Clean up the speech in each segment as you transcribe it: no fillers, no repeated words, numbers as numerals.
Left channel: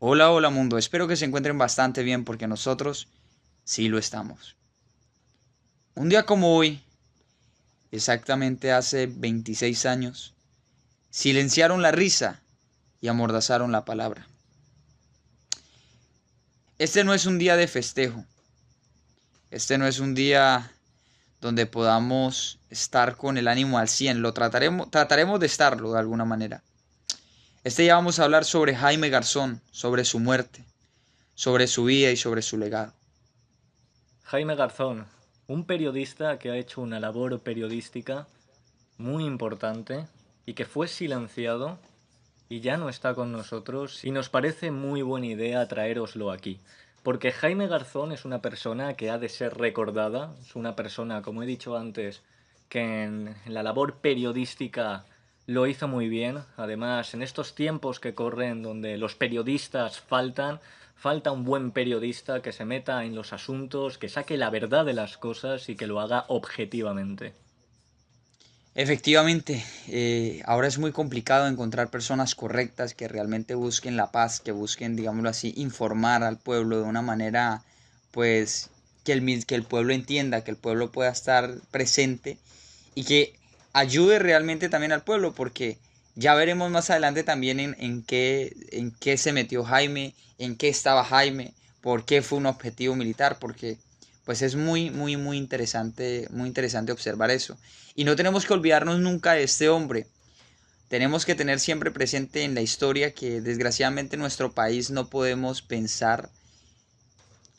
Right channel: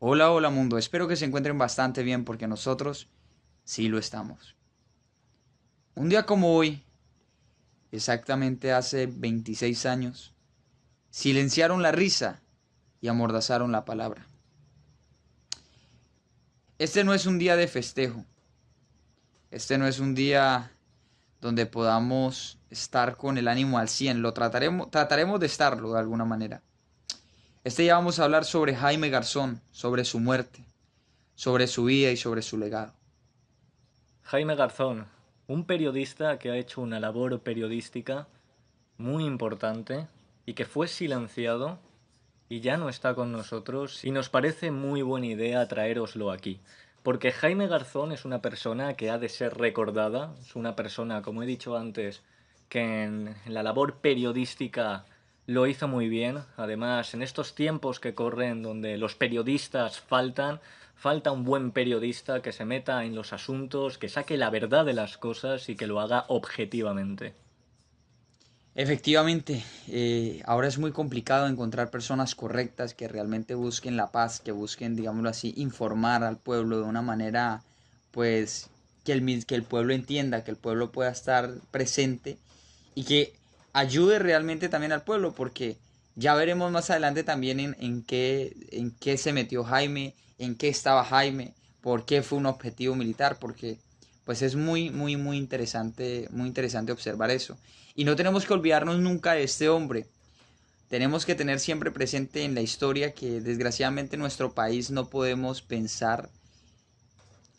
Hola, hola mundo, espero que se encuentren bastante bien porque nosotros sí lo estamos. Un día como hoy, exactamente hace 26 años, silenciaron la risa y amordazaron la palabra. Este no es un día de festejo, este no es un día donde podamos estar con el ánimo al 100. Trataremos de estarlo de alguna manera. Este día vamos a hablar sobre Jaime Garzón, sobre su muerte, sobre su vida y sobre su legado. Jaime Garzón, un periodista que ha hecho una labor periodística muy importante y que fue silenciado y ya no está con nosotros y nos parece muy buena idea traéroslo aquí. Porque Jaime Garzón es una persona que ha de ser recordada, es una persona, como he dicho antes, que en la labor periodística lo hizo muy bien. Además, en estos tiempos que corren donde los periodistas falta un buen periodista que se meta en los asuntos, que saque la verdad de las cosas y que lo haga objetivamente. Efectivamente, ahora es muy complicado encontrar personas correctas que realmente busquen la paz, que busquen, digámoslo así, informar al pueblo de una manera, pues, que el pueblo entienda, que el pueblo pueda estar presente y que ayude realmente también al pueblo, porque ya veremos más adelante también en qué se metió Jaime, en qué estaba Jaime, por qué fue un objetivo militar, porque pues es muy interesante observar eso. Y no tenemos que olvidarnos nunca de este hombre. Tenemos que tener siempre presente en la historia que desgraciadamente en nuestro país no podemos pensar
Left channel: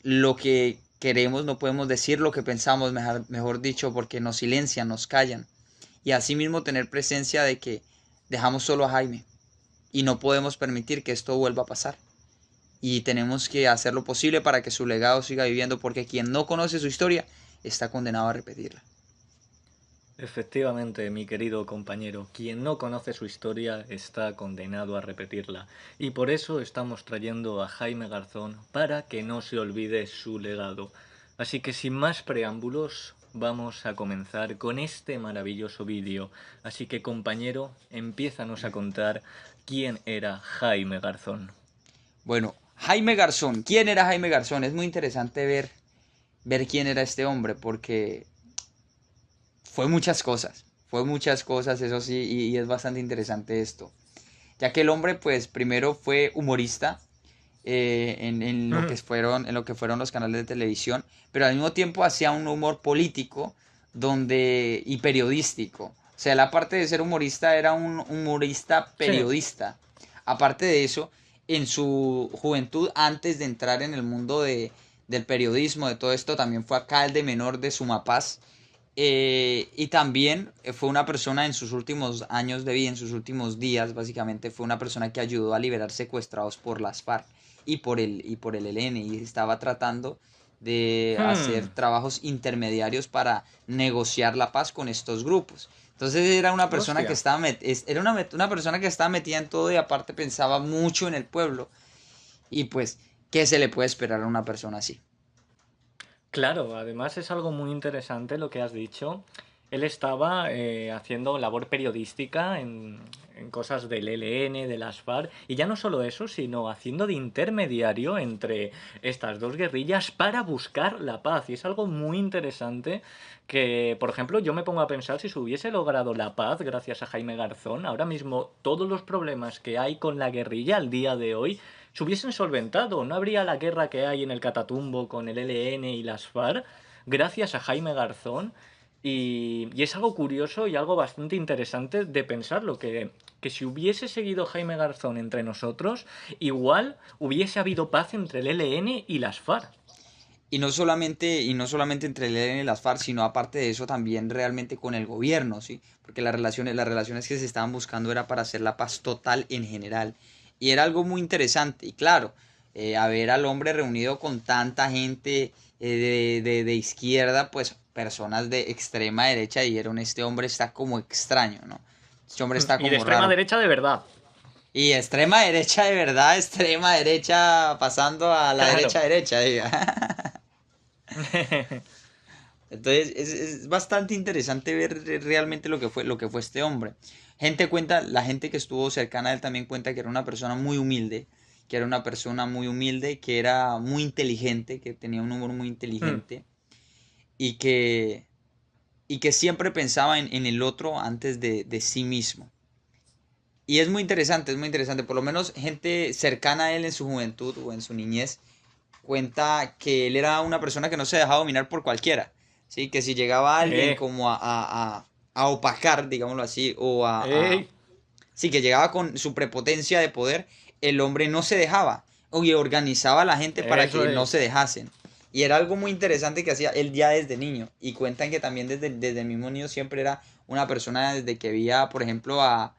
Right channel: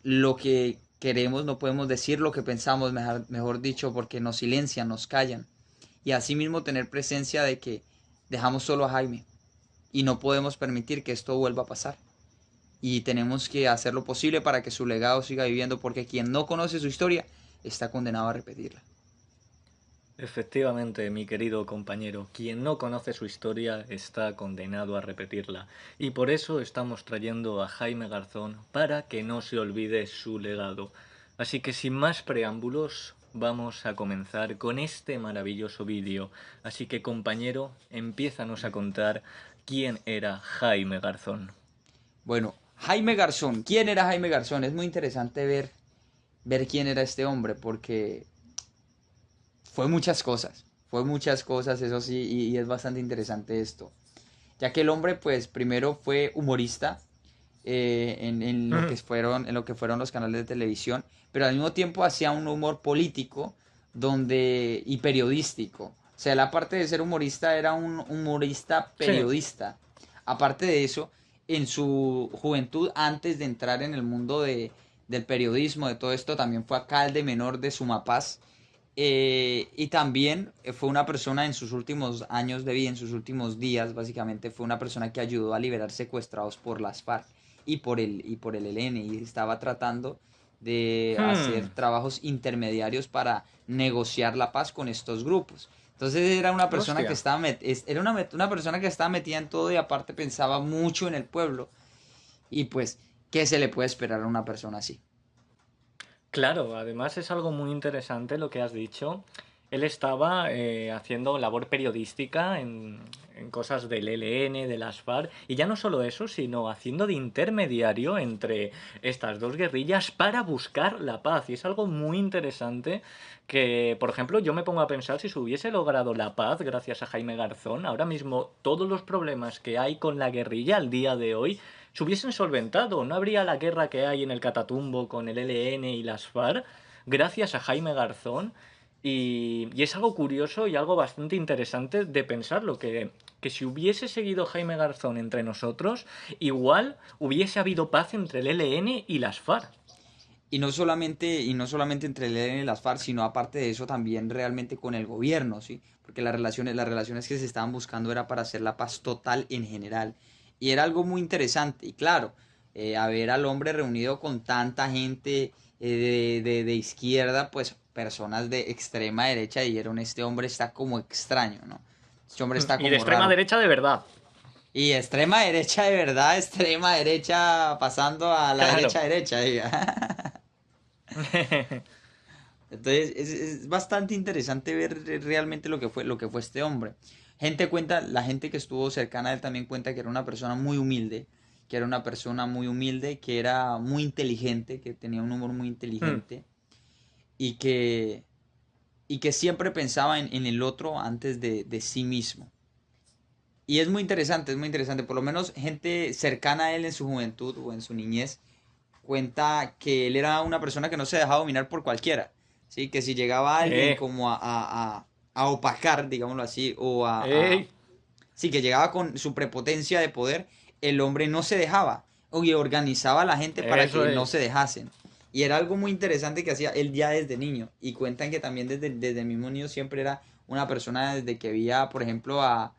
lo que queremos, no podemos decir lo que pensamos, mejor dicho, porque nos silencian, nos callan. Y asimismo tener presencia de que dejamos solo a Jaime y no podemos permitir que esto vuelva a pasar. Y tenemos que hacer lo posible para que su legado siga viviendo, porque quien no conoce su historia está condenado a repetirla. Efectivamente, mi querido compañero, quien no conoce su historia está condenado a repetirla. Y por eso estamos trayendo a Jaime Garzón para que no se olvide su legado. Así que sin más preámbulos, vamos a comenzar con este maravilloso vídeo. Así que compañero, empiézanos a contar quién era Jaime Garzón. Bueno, Jaime Garzón. ¿Quién era Jaime Garzón? Es muy interesante ver quién era este hombre, porque fue muchas cosas. Fue muchas cosas, eso sí, y es bastante interesante esto. Ya que el hombre, pues, primero fue humorista en lo que fueron los canales de televisión, pero al mismo tiempo hacía un humor político y periodístico. O sea, la parte de ser humorista era un humorista Sí, periodista. Aparte de eso, en su juventud, antes de entrar en el mundo del periodismo, de todo esto, también fue alcalde menor de Sumapaz. Y también fue una persona en sus últimos años de vida, en sus últimos días, básicamente, fue una persona que ayudó a liberar secuestrados por las FARC y por el ELN, y estaba tratando de hacer hmm, trabajos intermediarios para negociar la paz con estos grupos. Entonces era una persona que hostia. estaba era una persona que estaba metida en todo y aparte pensaba mucho en el pueblo. Y pues, ¿qué se le puede esperar a una persona así? Claro, además es algo muy interesante lo que has dicho. Él estaba haciendo labor periodística en cosas del ELN, de las FARC, y ya no solo eso, sino haciendo de intermediario entre estas dos guerrillas para buscar la paz. Y es algo muy interesante que, por ejemplo, yo me pongo a pensar si se hubiese logrado la paz gracias a Jaime Garzón, ahora mismo todos los problemas que hay con la guerrilla al día de hoy se hubiesen solventado. No habría la guerra que hay en el Catatumbo con el ELN y las FARC, gracias a Jaime Garzón. Y es algo curioso y algo bastante interesante de pensarlo, que si hubiese seguido Jaime Garzón entre nosotros, igual hubiese habido paz entre el ELN y las FARC. Y no solamente entre el ELN y las FARC, sino aparte de eso también realmente con el gobierno, ¿sí? Porque las relaciones que se estaban buscando era para hacer la paz total en general. Y era algo muy interesante. Y claro, a ver al hombre reunido con tanta gente de izquierda, pues personas de extrema derecha dijeron, este hombre está como extraño, ¿no? Este hombre está Y de como extrema raro. derecha de verdad. Y extrema derecha de verdad, extrema derecha pasando a la Claro. derecha derecha, diga. Entonces es bastante interesante ver realmente lo que fue este hombre. La gente que estuvo cercana a él también cuenta que era una persona muy humilde, que era una persona muy humilde, que era muy inteligente, que tenía un humor muy Mm, inteligente y que, y que siempre pensaba en el otro antes de sí mismo. Y es muy interesante, por lo menos gente cercana a él en su juventud o en su niñez cuenta que él era una persona que no se dejaba dominar por cualquiera, ¿sí? Que si llegaba alguien eh, como a opacar, digámoslo así, ey, sí, que llegaba con su prepotencia de poder, el hombre no se dejaba, y organizaba a la gente para eso que no se es. dejasen. Y era algo muy interesante que hacía él ya desde niño. Y cuentan que también desde el mismo niño siempre era una persona desde que veía, por ejemplo, a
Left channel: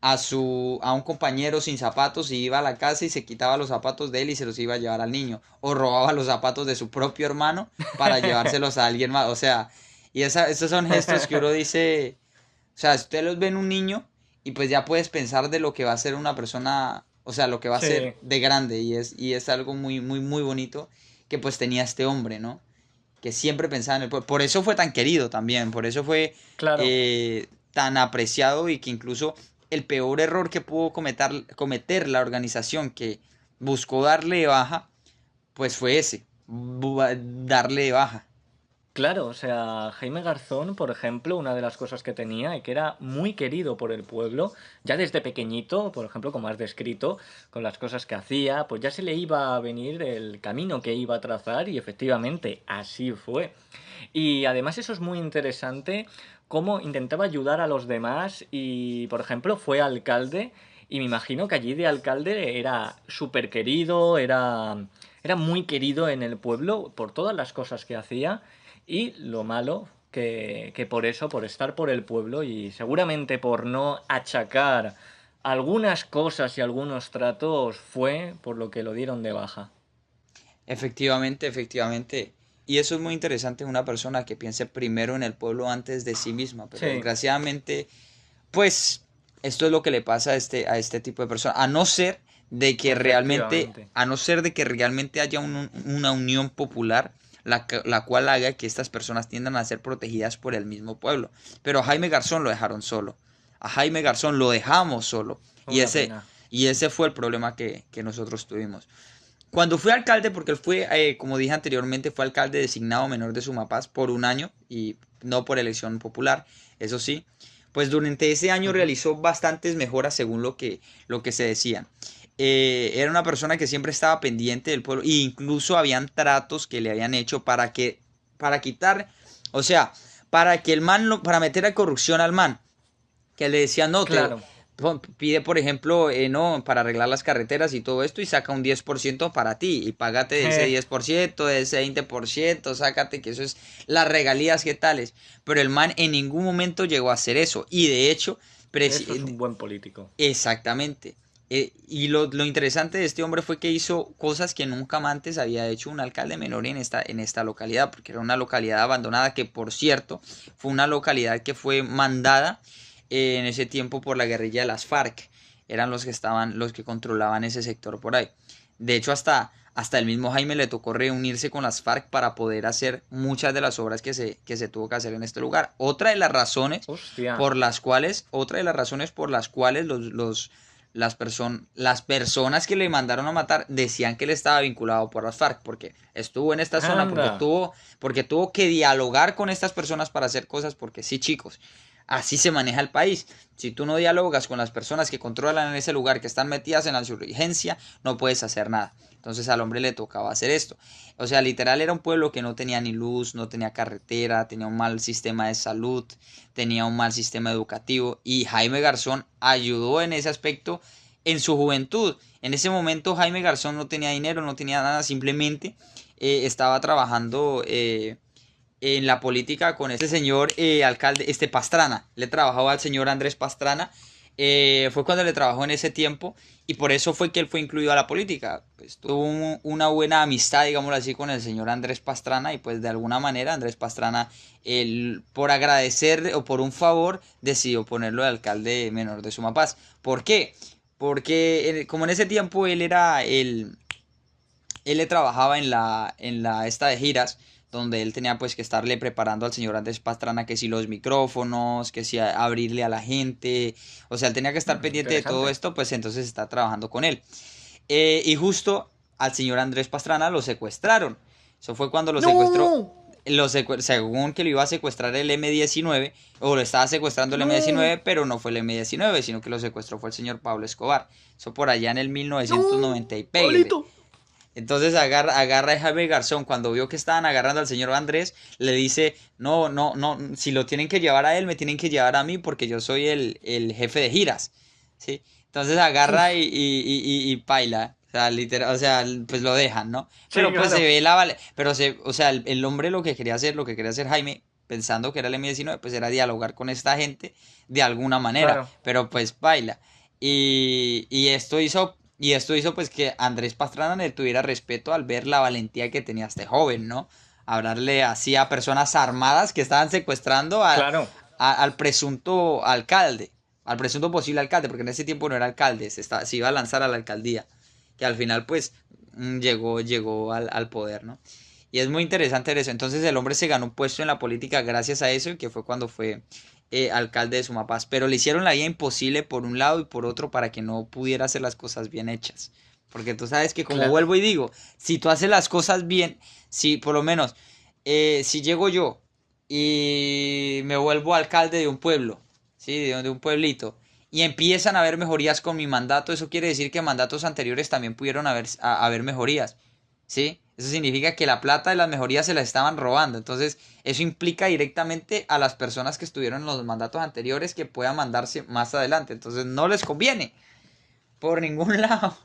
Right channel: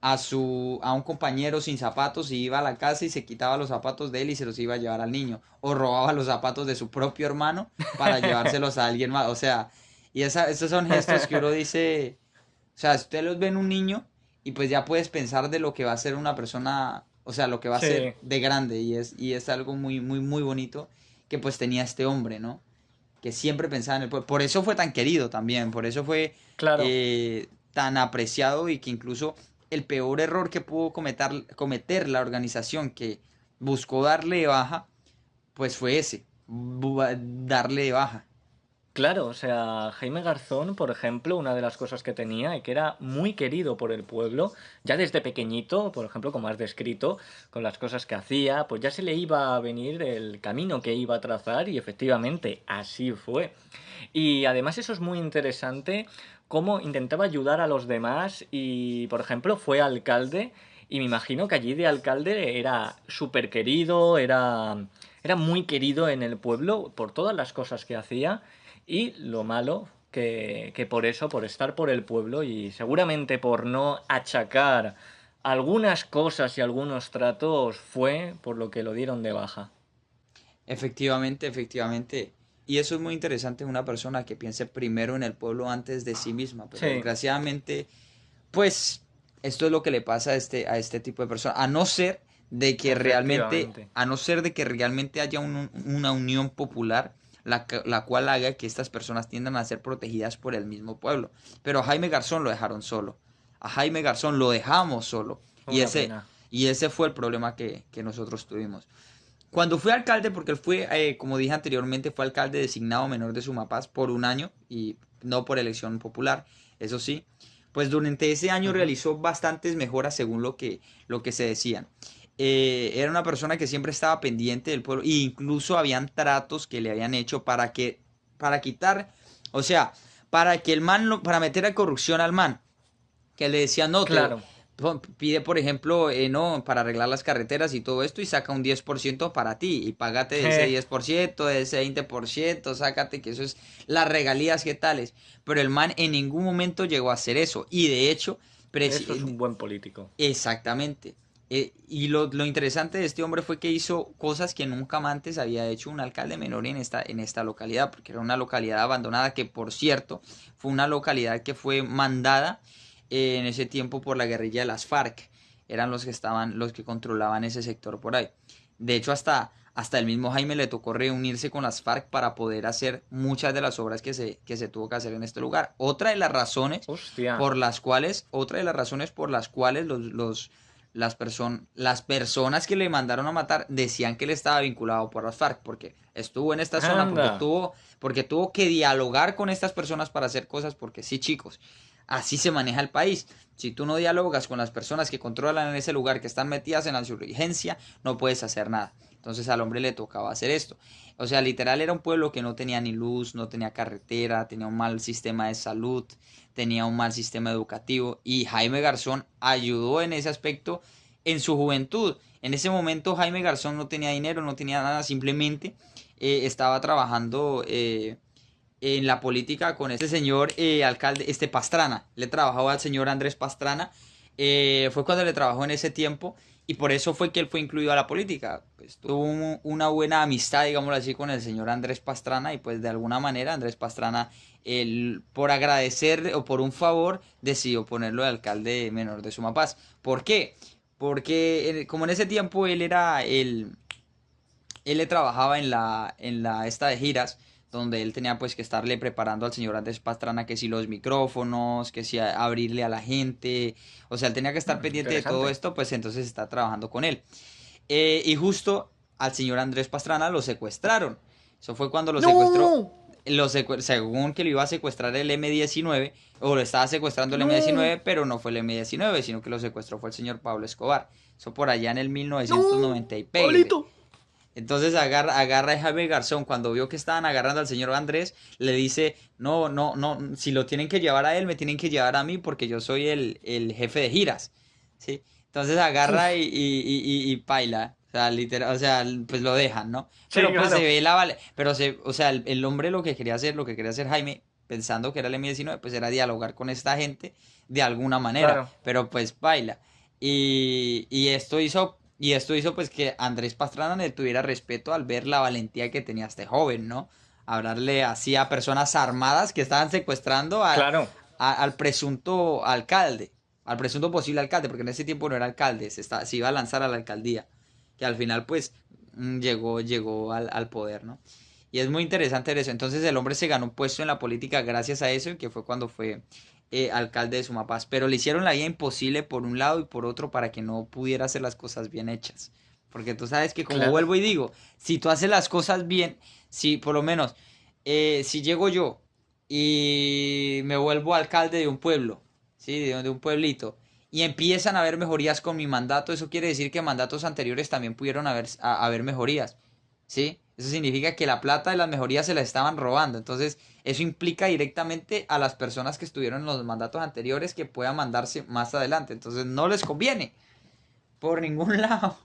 un compañero sin zapatos y iba a la casa y se quitaba los zapatos de él y se los iba a llevar al niño. O robaba los zapatos de su propio hermano para llevárselos a alguien más. O sea, esos son gestos que uno dice, o sea, usted los ve en un niño y pues ya puedes pensar de lo que va a ser una persona, o sea, lo que va a ser Sí, de grande y es algo muy, muy, muy bonito que pues tenía este hombre, ¿no? Que siempre pensaba en el pueblo. Por eso fue tan querido también, por eso fue claro. tan apreciado y que incluso el peor error que pudo cometer la organización que buscó darle de baja, pues fue ese, darle de baja. Claro, o sea, Jaime Garzón, por ejemplo, una de las cosas que tenía y que era muy querido por el pueblo, ya desde pequeñito, por ejemplo, como has descrito, con las cosas que hacía, pues ya se le iba a venir el camino que iba a trazar y efectivamente así fue. Y además eso es muy interesante, cómo intentaba ayudar a los demás y, por ejemplo, fue alcalde y me imagino que allí de alcalde era súper querido, era muy querido en el pueblo por todas las cosas que hacía y lo malo que por eso, por estar por el pueblo y seguramente por no achacar algunas cosas y algunos tratos fue por lo que lo dieron de baja. Efectivamente, efectivamente. Y eso es muy interesante en una persona que piense primero en el pueblo antes de sí misma. Pero Sí, desgraciadamente, pues esto es lo que le pasa a este tipo de personas. A no ser de que realmente, efectivamente. a no ser de que realmente haya una unión popular, la cual haga que estas personas tiendan a ser protegidas por el mismo pueblo. Pero a Jaime Garzón lo dejaron solo. A Jaime Garzón lo dejamos solo. Y Una ese, pena. y ese fue el problema que nosotros tuvimos. Cuando fui alcalde, porque él fue, como dije anteriormente, fue alcalde designado menor de Sumapaz por un año y no por elección popular, eso sí, pues durante ese año Ujú. realizó bastantes mejoras según lo que se decían. Era una persona que siempre estaba pendiente del pueblo e incluso habían tratos que le habían hecho para quitar, o sea, para que el man, para meter a corrupción al man que le decían, no, Claro. pide, por ejemplo, no, para arreglar las carreteras y todo esto y saca un 10% para ti y págate de ese 10% de ese 20% sácate que eso es las regalías que tales. Pero el man en ningún momento llegó a hacer eso y de hecho, Eso es un buen político. exactamente. Y lo interesante de este hombre fue que hizo cosas que nunca antes había hecho un alcalde menor en esta localidad, porque era una localidad abandonada que, por cierto, fue una localidad que fue mandada en ese tiempo por la guerrilla de las FARC. Eran los que controlaban ese sector por ahí. De hecho, hasta el mismo Jaime le tocó reunirse con las FARC para poder hacer muchas de las obras que se tuvo que hacer en este lugar. Hostia. Otra de las razones por las cuales las personas que le mandaron a matar decían que él estaba vinculado por las FARC, porque estuvo en esta zona, porque Anda. tuvo que dialogar con estas personas para hacer cosas, porque sí, chicos, así se maneja el país. Si tú no dialogas con las personas que controlan en ese lugar, que están metidas en la insurgencia, no puedes hacer nada. Entonces al hombre le tocaba hacer esto. O sea, literal era un pueblo que no tenía ni luz, no tenía carretera, tenía un mal sistema de salud, tenía un mal sistema educativo y Jaime Garzón ayudó en ese aspecto en su juventud. En ese momento Jaime Garzón no tenía dinero, no tenía nada, simplemente estaba trabajando en la política con este señor alcalde, Pastrana. Le trabajaba al señor Andrés Pastrana. Fue cuando le trabajó en ese tiempo y por eso fue que él fue incluido a la política. Pues tuvo una buena amistad, digámoslo así, con el señor Andrés Pastrana y pues de alguna manera Andrés Pastrana, por agradecer o por un favor, decidió ponerlo de alcalde menor de Sumapaz. ¿Por qué? Porque como en ese tiempo él le trabajaba en la esta de giras, donde él tenía pues que estarle preparando al señor Andrés Pastrana que si los micrófonos, que si abrirle a la gente, o sea, él tenía que estar pendiente de todo Interesante. esto, pues entonces está trabajando con él. Y justo al señor Andrés Pastrana lo secuestraron. Eso fue cuando lo secuestró, ¡No! según que lo iba a secuestrar el M-19, o lo estaba secuestrando el ¡No! M-19, pero no fue el M-19, sino que lo secuestró fue el señor Pablo Escobar. Eso por allá en el ¡No! 1990 y pégale. ¡Pablito! Entonces agarra a Jaime Garzón, cuando vio que estaban agarrando al señor Andrés, le dice, no, no, no, si lo tienen que llevar a él, me tienen que llevar a mí porque yo soy el jefe de giras, ¿sí? Entonces agarra Uf. y paila, o sea, literal, o sea, pues lo dejan, ¿no? Sí, Pero pues se claro. ve pero o sea, el hombre lo que quería hacer, lo que quería hacer Jaime, pensando que era el M-19, pues era dialogar con esta gente de alguna manera, Claro. pero pues paila. Y esto hizo pues que Andrés Pastrana le tuviera respeto al ver la valentía que tenía este joven, ¿no? Hablarle así a personas armadas que estaban secuestrando Claro. al presunto alcalde, al presunto posible alcalde, porque en ese tiempo no era alcalde, se iba a lanzar a la alcaldía, que al final pues llegó al poder, ¿no? Y es muy interesante eso. Entonces el hombre se ganó un puesto en la política gracias a eso, y que fue cuando fue alcalde de Sumapaz. Pero le hicieron la vida imposible por un lado y por otro para que no pudiera hacer las cosas bien hechas. Porque tú sabes que, como Claro. vuelvo y digo, si tú haces las cosas bien, si por lo menos, si llego yo y me vuelvo alcalde de un pueblo, ¿sí? De un pueblito, y empiezan a haber mejorías con mi mandato, eso quiere decir que mandatos anteriores también pudieron haber mejorías. ¿Sí? Eso significa que la plata de las mejorías se la estaban robando. Entonces, eso implica directamente a las personas que estuvieron en los mandatos anteriores que puedan mandarse más adelante. Entonces, no les conviene por ningún lado.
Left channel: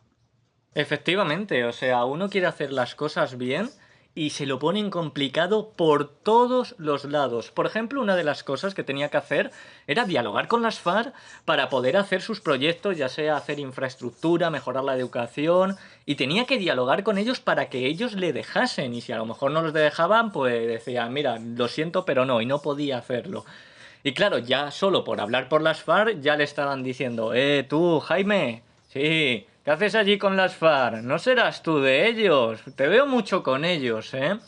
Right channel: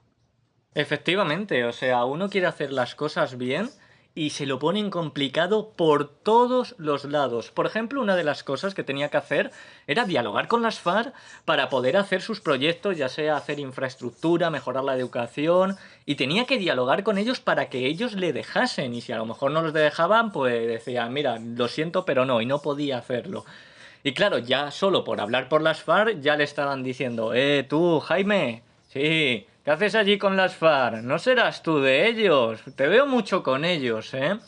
Efectivamente, o sea, uno quiere hacer las cosas bien y se lo ponen complicado por todos los lados. Por ejemplo, una de las cosas que tenía que hacer era dialogar con las FARC para poder hacer sus proyectos, ya sea hacer infraestructura, mejorar la educación, y tenía que dialogar con ellos para que ellos le dejasen. Y si a lo mejor no los dejaban, pues decían, mira, lo siento, pero no, y no podía hacerlo. Y claro, ya solo por hablar por las FARC ya le estaban diciendo, tú, Jaime, sí, ¿qué haces allí con las FARC? No serás tú de ellos, te veo mucho con ellos, ¿eh?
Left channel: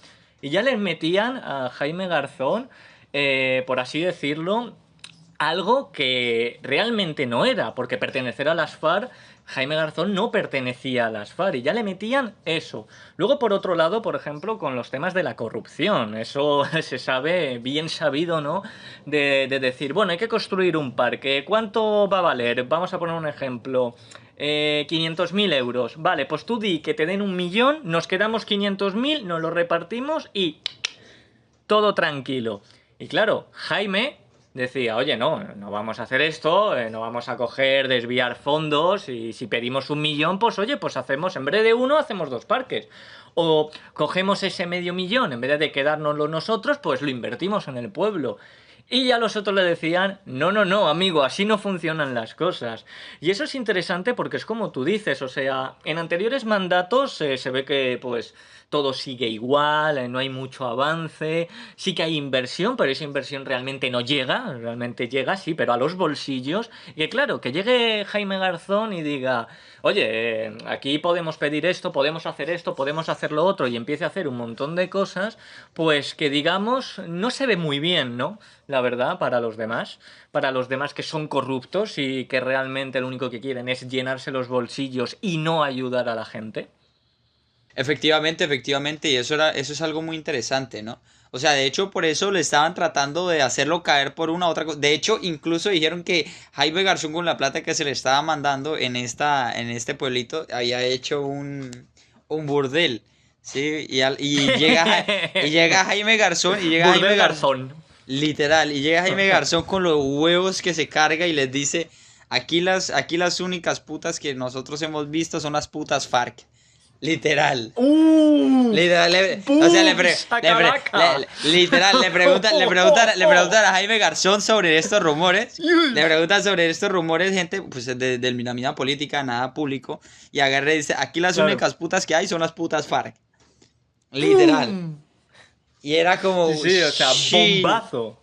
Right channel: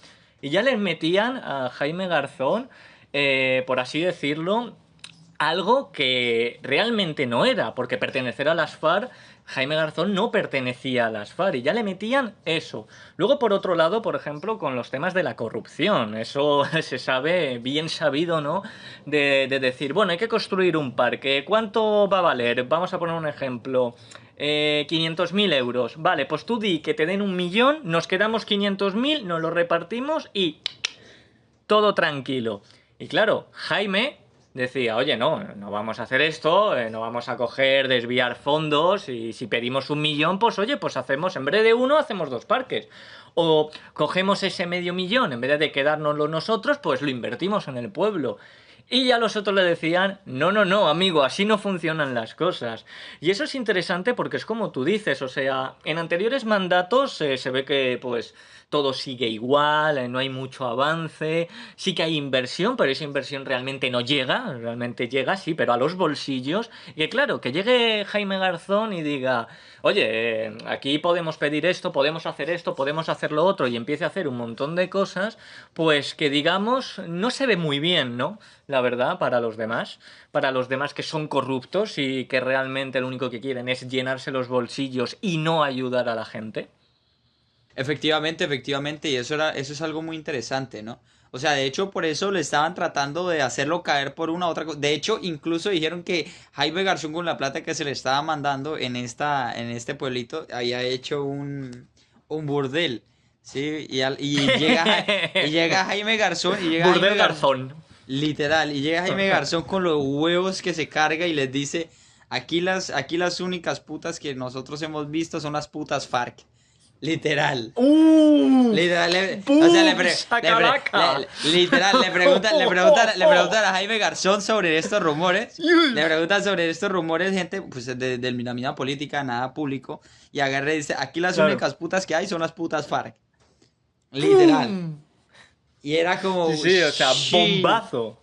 Y ya les metían a Jaime Garzón, por así decirlo, algo que realmente no era, porque pertenecer a las FARC, Jaime Garzón no pertenecía a las FARC y ya le metían eso. Luego, por otro lado, por ejemplo, con los temas de la corrupción, eso se sabe, bien sabido, ¿no? De decir, bueno, hay que construir un parque, ¿cuánto va a valer? Vamos a poner un ejemplo. 500.000 euros. Vale, pues tú di que te den 1.000.000, nos quedamos 500.000, nos lo repartimos y todo tranquilo. Y claro, Jaime decía, oye, no, no vamos a hacer esto, no vamos a coger, desviar fondos, y si pedimos 1.000.000, pues oye, pues hacemos, en vez de uno, hacemos dos parques. O cogemos ese medio millón, en vez de quedárnoslo nosotros, pues lo invertimos en el pueblo. Y ya los otros le decían, no, no, no, amigo, así no funcionan las cosas. Y eso es interesante porque es como tú dices, o sea, en anteriores mandatos se ve que pues todo sigue igual, no hay mucho avance, sí que hay inversión, pero esa inversión realmente llega, sí, pero a los bolsillos. Y claro, que llegue Jaime Garzón y diga, oye, aquí podemos pedir esto, podemos hacer esto, podemos hacer lo otro, y empiece a hacer un montón de cosas, pues que digamos, no se ve muy bien, ¿no? La verdad, para los demás que son corruptos y que realmente lo único que quieren es llenarse los bolsillos y no ayudar a la gente. Efectivamente, efectivamente, y eso es algo muy interesante, ¿no? O sea, de hecho, por eso le estaban tratando de hacerlo caer por una u otra cosa. De hecho, incluso dijeron que Jaime Garzón, con la plata que se le estaba mandando en este pueblito, había hecho un burdel, ¿sí? Y llega Jaime Garzón, Burdel Garzón. literal, y llega Jaime Garzón con los huevos que se carga y les dice, aquí las únicas putas que nosotros hemos visto son las putas FARC. Literal. ¡Uf! Literal, o sea, ¡Buf! ¡Sacalaca! literal, le preguntan a Jaime Garzón sobre estos rumores. Le preguntan sobre estos rumores, gente, pues de la mina política, nada público. Y agarra y dice, aquí las Claro. únicas putas que hay son las putas FARC. Literal. ¡Pum! Y era Sí, como, sí, o sea, sí, bombazo.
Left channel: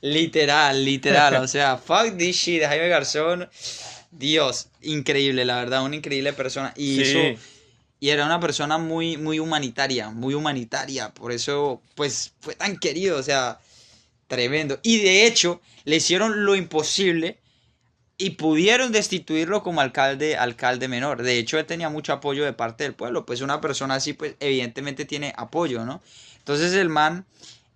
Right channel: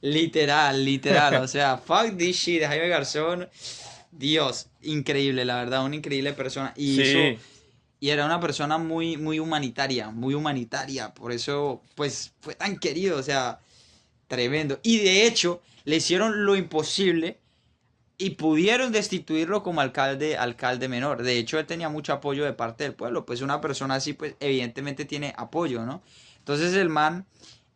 literal, literal. O sea, fuck this shit, Jaime Garzón. Dios, increíble, la verdad, una increíble persona. Sí, Y era una persona muy, muy humanitaria, muy humanitaria. Por eso, pues, fue tan querido, o sea, tremendo. Y de hecho, le hicieron lo imposible y pudieron destituirlo como alcalde menor. De hecho, él tenía mucho apoyo de parte del pueblo, pues una persona así, pues evidentemente tiene apoyo, ¿no? Entonces el man,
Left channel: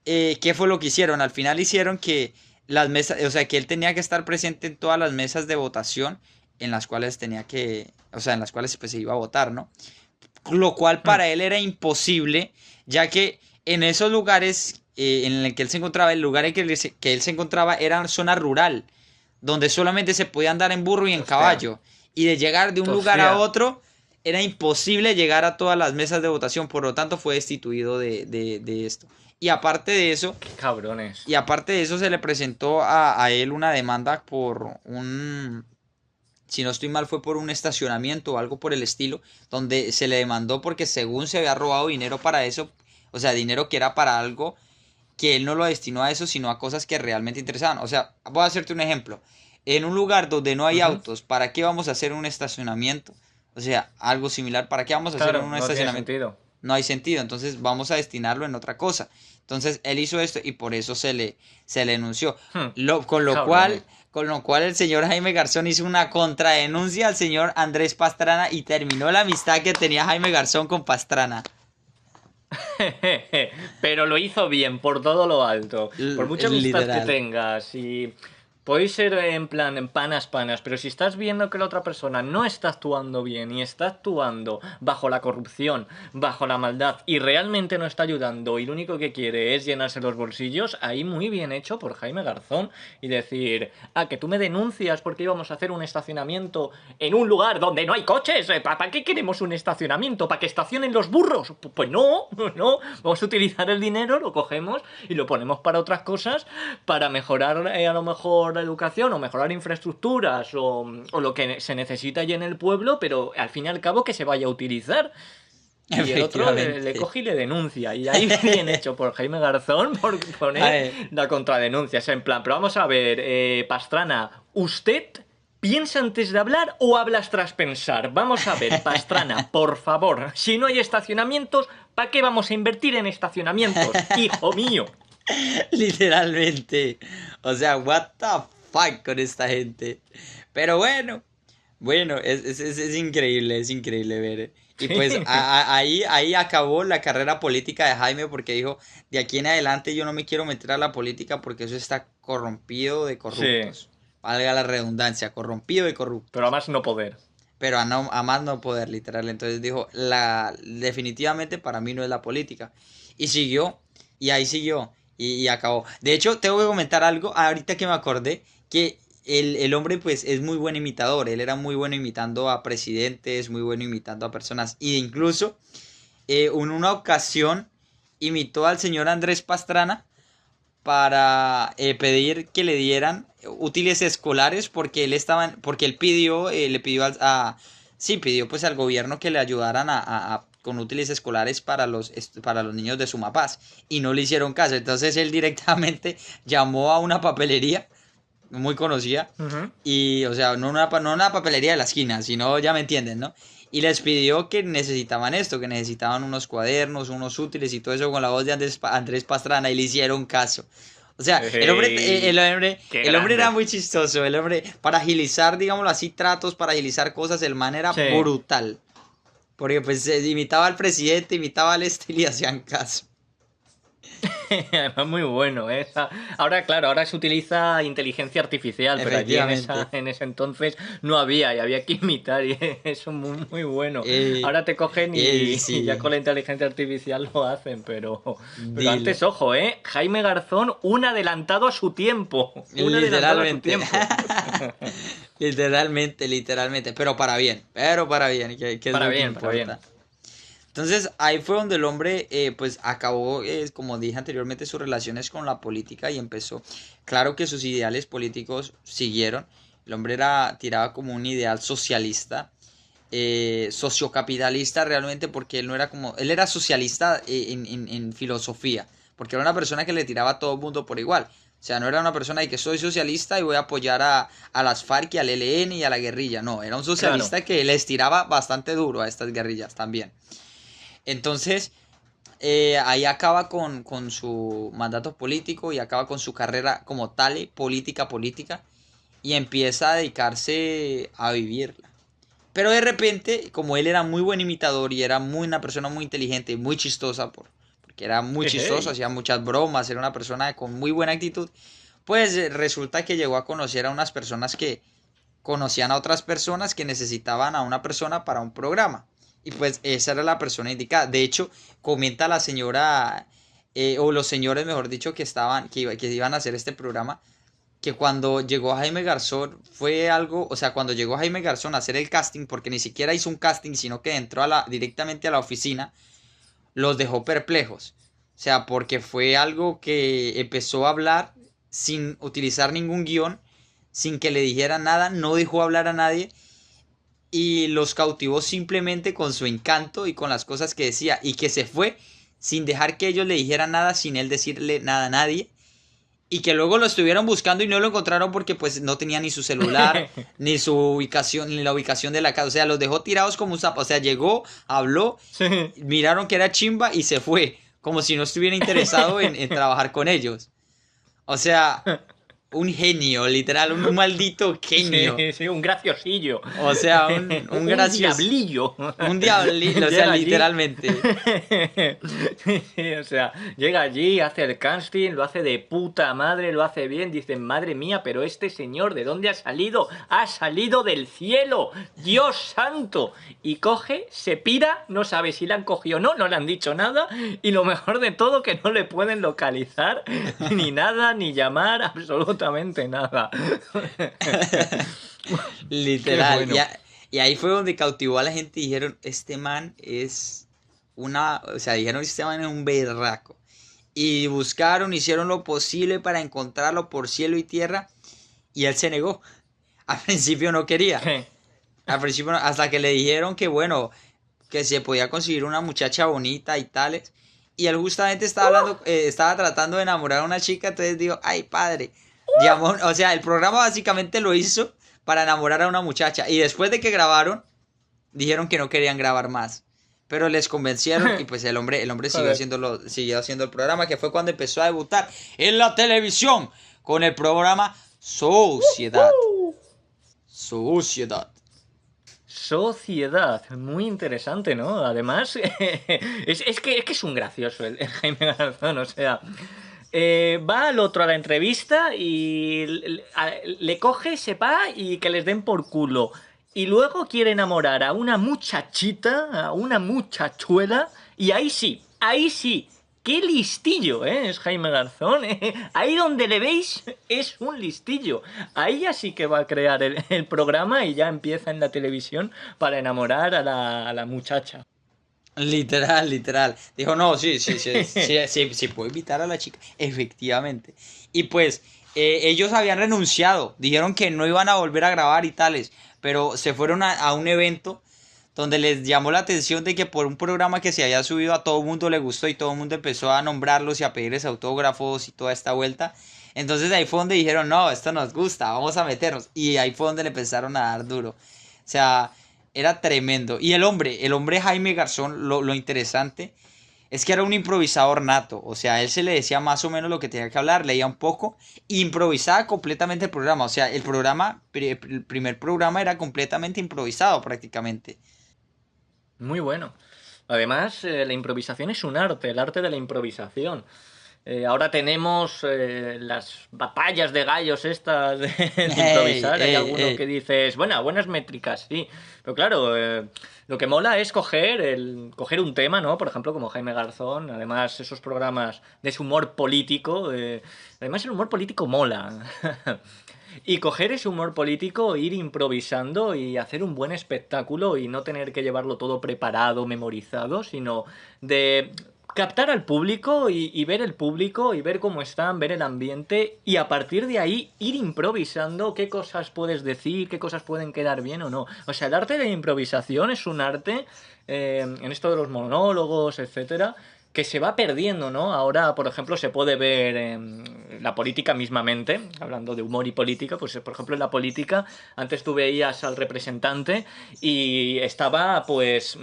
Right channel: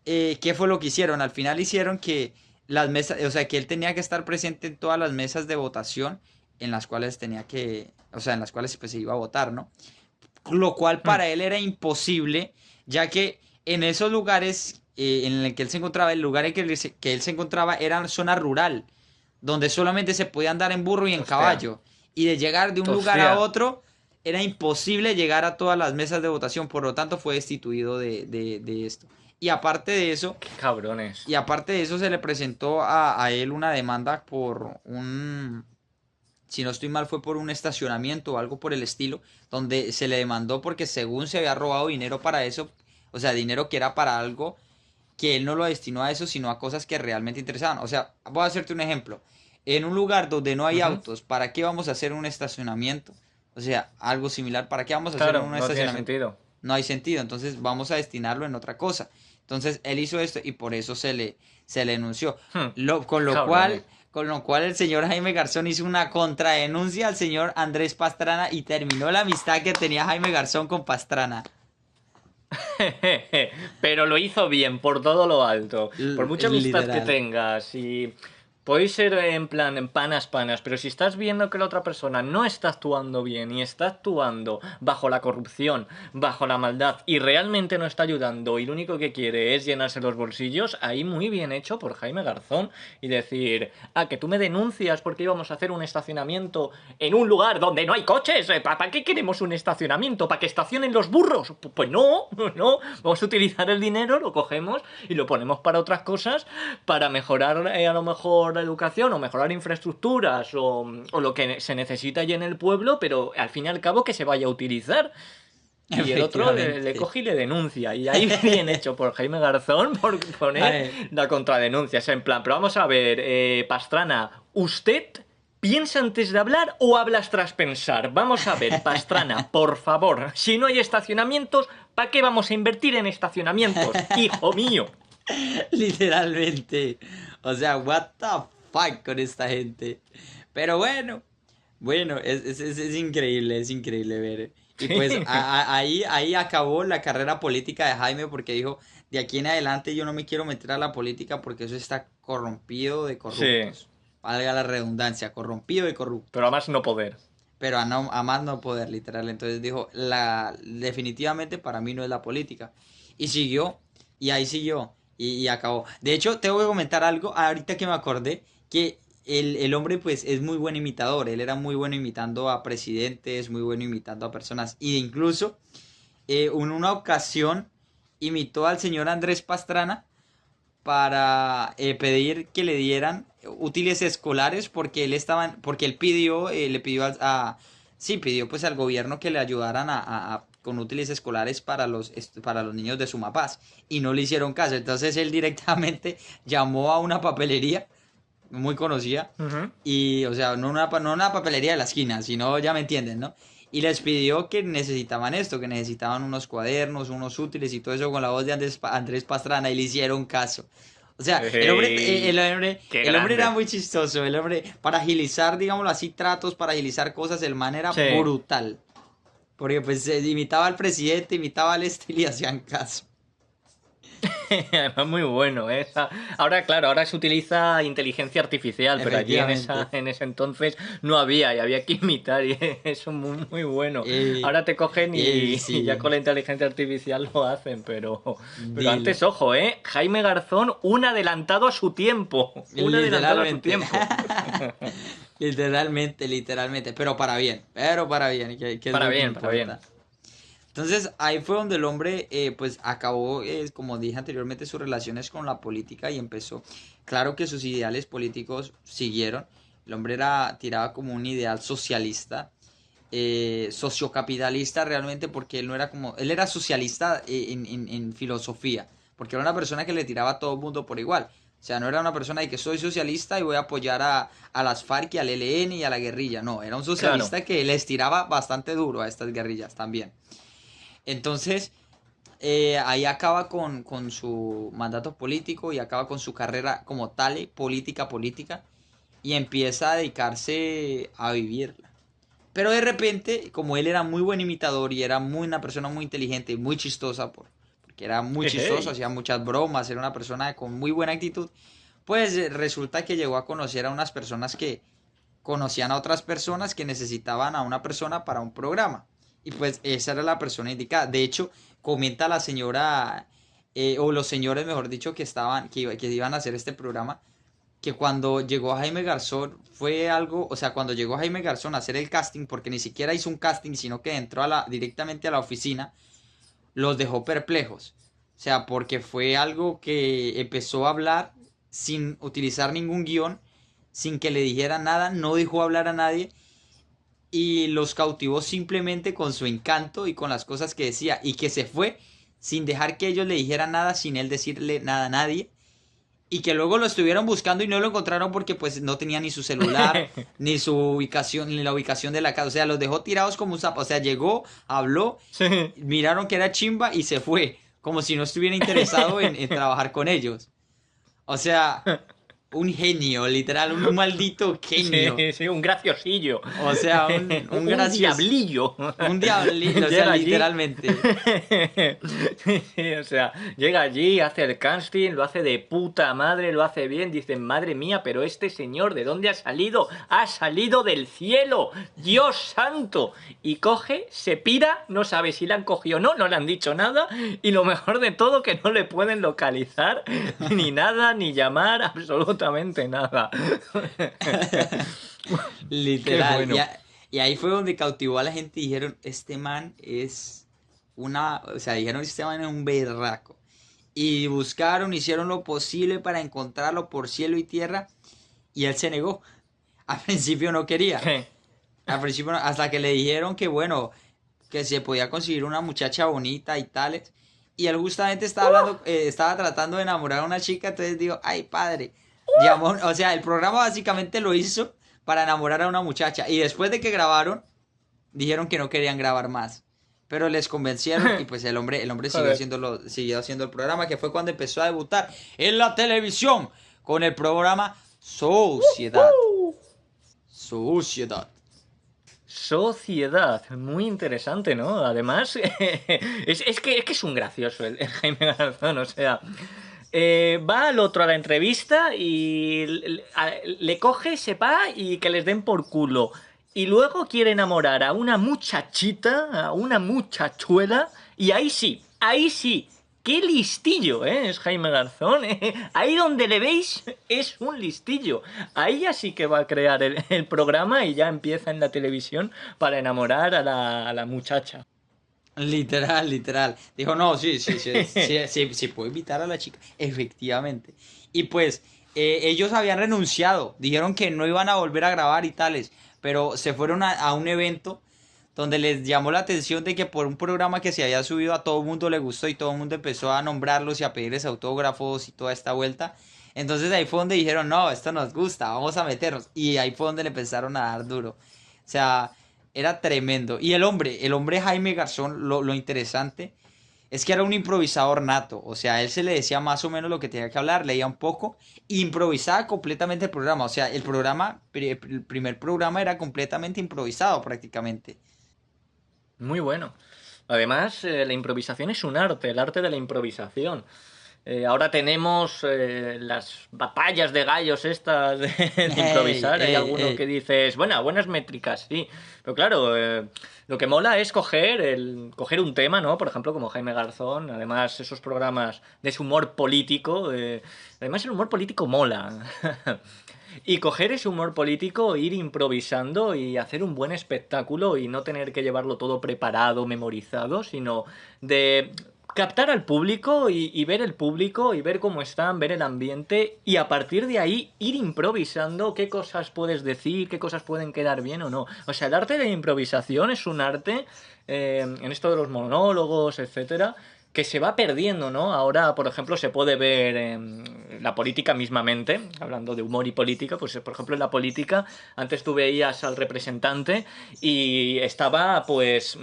¿qué fue lo que hicieron? Al final hicieron que las mesas, o sea, que él tenía que estar presente en todas las mesas de votación en las cuales tenía que, o sea, en las cuales pues se iba a votar, ¿no? Lo cual Hmm, para él era imposible, ya que en esos lugares en el que él se encontraba, el lugar en que él se encontraba era zona rural, donde solamente se podía andar en burro y en hostia, caballo. Y de llegar de un lugar a hostia, otro, era imposible llegar a todas las mesas de votación, por lo tanto fue destituido de esto. Y aparte de eso, qué cabrones. y aparte de eso se le presentó a él una demanda por un, si no estoy mal, fue por un estacionamiento o algo por el estilo, donde se le demandó porque según se había robado dinero para eso, o sea, dinero que era para algo que él no lo destinó a eso, sino a cosas que realmente interesaban. O sea, voy a hacerte un ejemplo. En un lugar donde no hay Ujú. autos, ¿para qué vamos a hacer un estacionamiento? O sea, algo similar, ¿para qué vamos a hacer Claro, un no tiene estacionamiento? sentido. No hay sentido, entonces vamos a destinarlo en otra cosa. Entonces él hizo esto y por eso se le denunció. Hmm, Con qué lo cabrones. cual, con lo cual el señor Jaime Garzón hizo una contradenuncia al señor Andrés Pastrana y terminó la amistad que tenía Jaime Garzón con Pastrana. Pero lo hizo bien, por todo lo alto. Por mucha amistad que Literal. tengas y podéis ser en plan en panas, pero si estás viendo que la otra persona no está actuando bien y está actuando bajo la corrupción, bajo la maldad y realmente no está ayudando y lo único que quiere es llenarse los bolsillos, ahí muy bien hecho por Jaime Garzón y decir, que tú me denuncias porque íbamos a hacer un estacionamiento en un lugar donde no hay coches. ¿Para qué queremos un estacionamiento? ¿Para que estacionen los burros? Pues no, no. Vamos a utilizar el dinero, lo cogemos y lo ponemos para otras cosas, para mejorar a lo mejor la educación o mejorar infraestructuras o lo que se necesita allí en el pueblo, pero al fin y al cabo que se vaya a utilizar. Y el otro le Efectivamente. coge y le denuncia. Y ahí bien hecho por Jaime Garzón por poner Ay, la contradenuncia. Es en plan, pero vamos a ver, Pastrana, ¿usted piensa antes de hablar o hablas tras pensar? Vamos a ver, Pastrana, por favor, si no hay estacionamientos, ¿para qué vamos a invertir en estacionamientos? Hijo mío. literalmente. O sea, what the fuck con esta gente. Pero bueno, bueno, es increíble ver. Y pues Sí, ahí acabó la carrera política de Jaime porque dijo, de aquí en adelante yo no me quiero meter a la política porque eso está corrompido de sí, corruptos. Valga la redundancia, corrompido de pero a corruptos. más no poder. Pero a más no poder, literal. Entonces dijo, definitivamente para mí no es la política. Y siguió, y ahí siguió, y acabó. De hecho, tengo que comentar algo, ahorita que me acordé, que el hombre pues es muy buen imitador. Él era muy bueno imitando a presidentes, muy bueno imitando a personas. E incluso en una ocasión imitó al señor Andrés Pastrana para pedir que le dieran útiles escolares porque porque él pidió, le pidió sí, pidió pues al gobierno que le ayudaran con útiles escolares para los niños de Sumapaz y no le hicieron caso. Entonces él directamente llamó a una papelería muy conocida Ujú. y, o sea, no una papelería de la esquina, sino, ya me entienden, ¿no? Y les pidió que necesitaban esto, que necesitaban unos cuadernos, unos útiles y todo eso con la voz de Andrés Pastrana y le hicieron caso. O sea, ¡Ey! ¡Qué el hombre era grande! muy chistoso, el hombre, para agilizar, digámoslo así, tratos, para agilizar cosas, el man era Sí. brutal. Porque pues imitaba al presidente, imitaba al este y le hacían caso. Además, muy bueno, ¿eh? Ahora, claro, ahora se utiliza inteligencia artificial, pero allí Efectivamente. en ese entonces no había y había que imitar y eso muy, muy bueno. Eh, Ahora te cogen y ya sí, con la inteligencia artificial lo hacen, pero dile. antes, ojo, ¿eh? Jaime Garzón, un adelantado a su tiempo, un adelantado a su Literalmente. tiempo. Literalmente, literalmente. Pero para bien, que es lo que Para bien. importa. Entonces ahí fue donde el hombre pues acabó, como dije anteriormente, sus relaciones con la política y empezó. Claro que sus ideales políticos siguieron. El hombre tiraba como un ideal socialista, sociocapitalista realmente porque él no era como, él era socialista en filosofía, porque era una persona que le tiraba a todo el mundo por igual. O sea, no era una persona de que soy socialista y voy a apoyar a las FARC y al ELN y a la guerrilla. No, era un Claro. socialista que les tiraba bastante duro a estas guerrillas también. Entonces, ahí acaba con su mandato político y acaba con su carrera como tal, política. y empieza a dedicarse a vivirla. Pero de repente, como él era muy buen imitador y era una persona muy inteligente y muy chistosa, porque era muy chistoso, Ejey. hacía muchas bromas, era una persona con muy buena actitud, pues resulta que llegó a conocer a unas personas que conocían a otras personas que necesitaban a una persona para un programa. Y pues esa era la persona indicada. De hecho, comenta la señora, o los señores, mejor dicho, que iban a hacer este programa, que cuando llegó Jaime Garzón fue algo, o sea, cuando llegó Jaime Garzón a hacer el casting, porque ni siquiera hizo un casting, sino que entró directamente a la oficina, los dejó perplejos. O sea, porque fue algo que empezó a hablar sin utilizar ningún guión, sin que le dijera nada, no dejó hablar a nadie y los cautivó simplemente con su encanto y con las cosas que decía y que se fue sin dejar que ellos le dijeran nada, sin él decirle nada a nadie y que luego lo estuvieron buscando y no lo encontraron porque pues no tenía ni su celular, ni su ubicación, ni la ubicación de la casa, o sea, los dejó tirados como un sapo, o sea, llegó, habló, Sí. miraron que era chimba y se fue, como si no estuviera interesado en trabajar con ellos. O sea, un genio, literal, un maldito genio. Sí, sí, un graciosillo. O sea, un Un gracioso, diablillo. un diablito, o sea, Llega allí. literalmente. Sí, o sea, llega allí, hace el casting, lo hace de puta madre, lo hace bien. Dicen, madre mía, pero este señor, ¿de dónde ha salido? Ha salido del cielo. Dios santo. Y coge, se pira, no sabe si le han cogido o no, no le han dicho nada. Y lo mejor de todo, que no le pueden localizar ni nada, ni llamar, absolutamente nada. Qué Literal. bueno. Y ahí fue donde cautivó a la gente y dijeron, este man es o sea, dijeron, este man es un berraco. Y buscaron, hicieron lo posible para encontrarlo por cielo y tierra y él se negó. Al principio no quería. Al principio, hasta que le dijeron que bueno, que se podía conseguir una muchacha bonita y tales. Y él justamente estaba hablando, estaba tratando de enamorar a una chica, entonces digo, ay padre, llamó, o sea, el programa básicamente lo hizo para enamorar a una muchacha. Y después de que grabaron, dijeron que no querían grabar más. Pero les convencieron y pues el hombre Joder. siguió haciendo el programa, que fue cuando empezó a debutar en la televisión con el programa Sociedad. Sociedad. Sociedad, muy interesante, ¿no? Además, es que es un gracioso el Jaime Garzón, o sea, va al otro a la entrevista y le coge, se va y que les den por culo. Y luego quiere enamorar a una muchachita, a una muchachuela, y ahí sí, qué listillo, ¿eh? Es Jaime Garzón, ¿eh? Ahí donde le veis es un listillo. Ahí ya sí que va a crear el programa y ya empieza en la televisión para enamorar a la muchacha. Literal, literal. Dijo, no, sí, sí, sí, sí, sí, sí, puedo invitar a la chica. Efectivamente. Y pues ellos habían renunciado, dijeron que no iban a volver a grabar y tales, pero se fueron a un evento donde les llamó la atención de que por un programa que se había subido a todo el mundo le gustó y todo el mundo empezó a nombrarlos y a pedirles autógrafos y toda esta vuelta. Entonces ahí fue donde dijeron, no, esto nos gusta, vamos a meternos. Y ahí fue donde le empezaron a dar duro. O sea, era tremendo. Y el hombre Jaime Garzón, lo interesante es que era un improvisador nato. O sea, él se le decía más o menos lo que tenía que hablar, leía un poco, improvisaba completamente el programa. O sea, el primer programa era completamente improvisado prácticamente. Muy bueno. Además, la improvisación es un arte, el arte de la improvisación. Ahora tenemos las batallas de gallos estas de Ey, improvisar. Hay ey, alguno que ey. dices, bueno, buenas métricas, sí. Pero claro, lo que mola es coger un tema, ¿no? Por ejemplo, como Jaime Garzón. Además, esos programas de su humor político. Además, el humor político mola. Y coger ese humor político, ir improvisando y hacer un buen espectáculo y no tener que llevarlo todo preparado, memorizado, sino de captar al público y ver el público y ver cómo están, ver el ambiente y a partir de ahí ir improvisando qué cosas puedes decir, qué cosas pueden quedar bien o no. O sea, el arte de la improvisación es un arte en esto de los monólogos, etcétera, que se va perdiendo, ¿no? Ahora, por ejemplo, se puede ver en la política mismamente, hablando de humor y política, pues por ejemplo en la política, antes tú veías al representante y estaba pues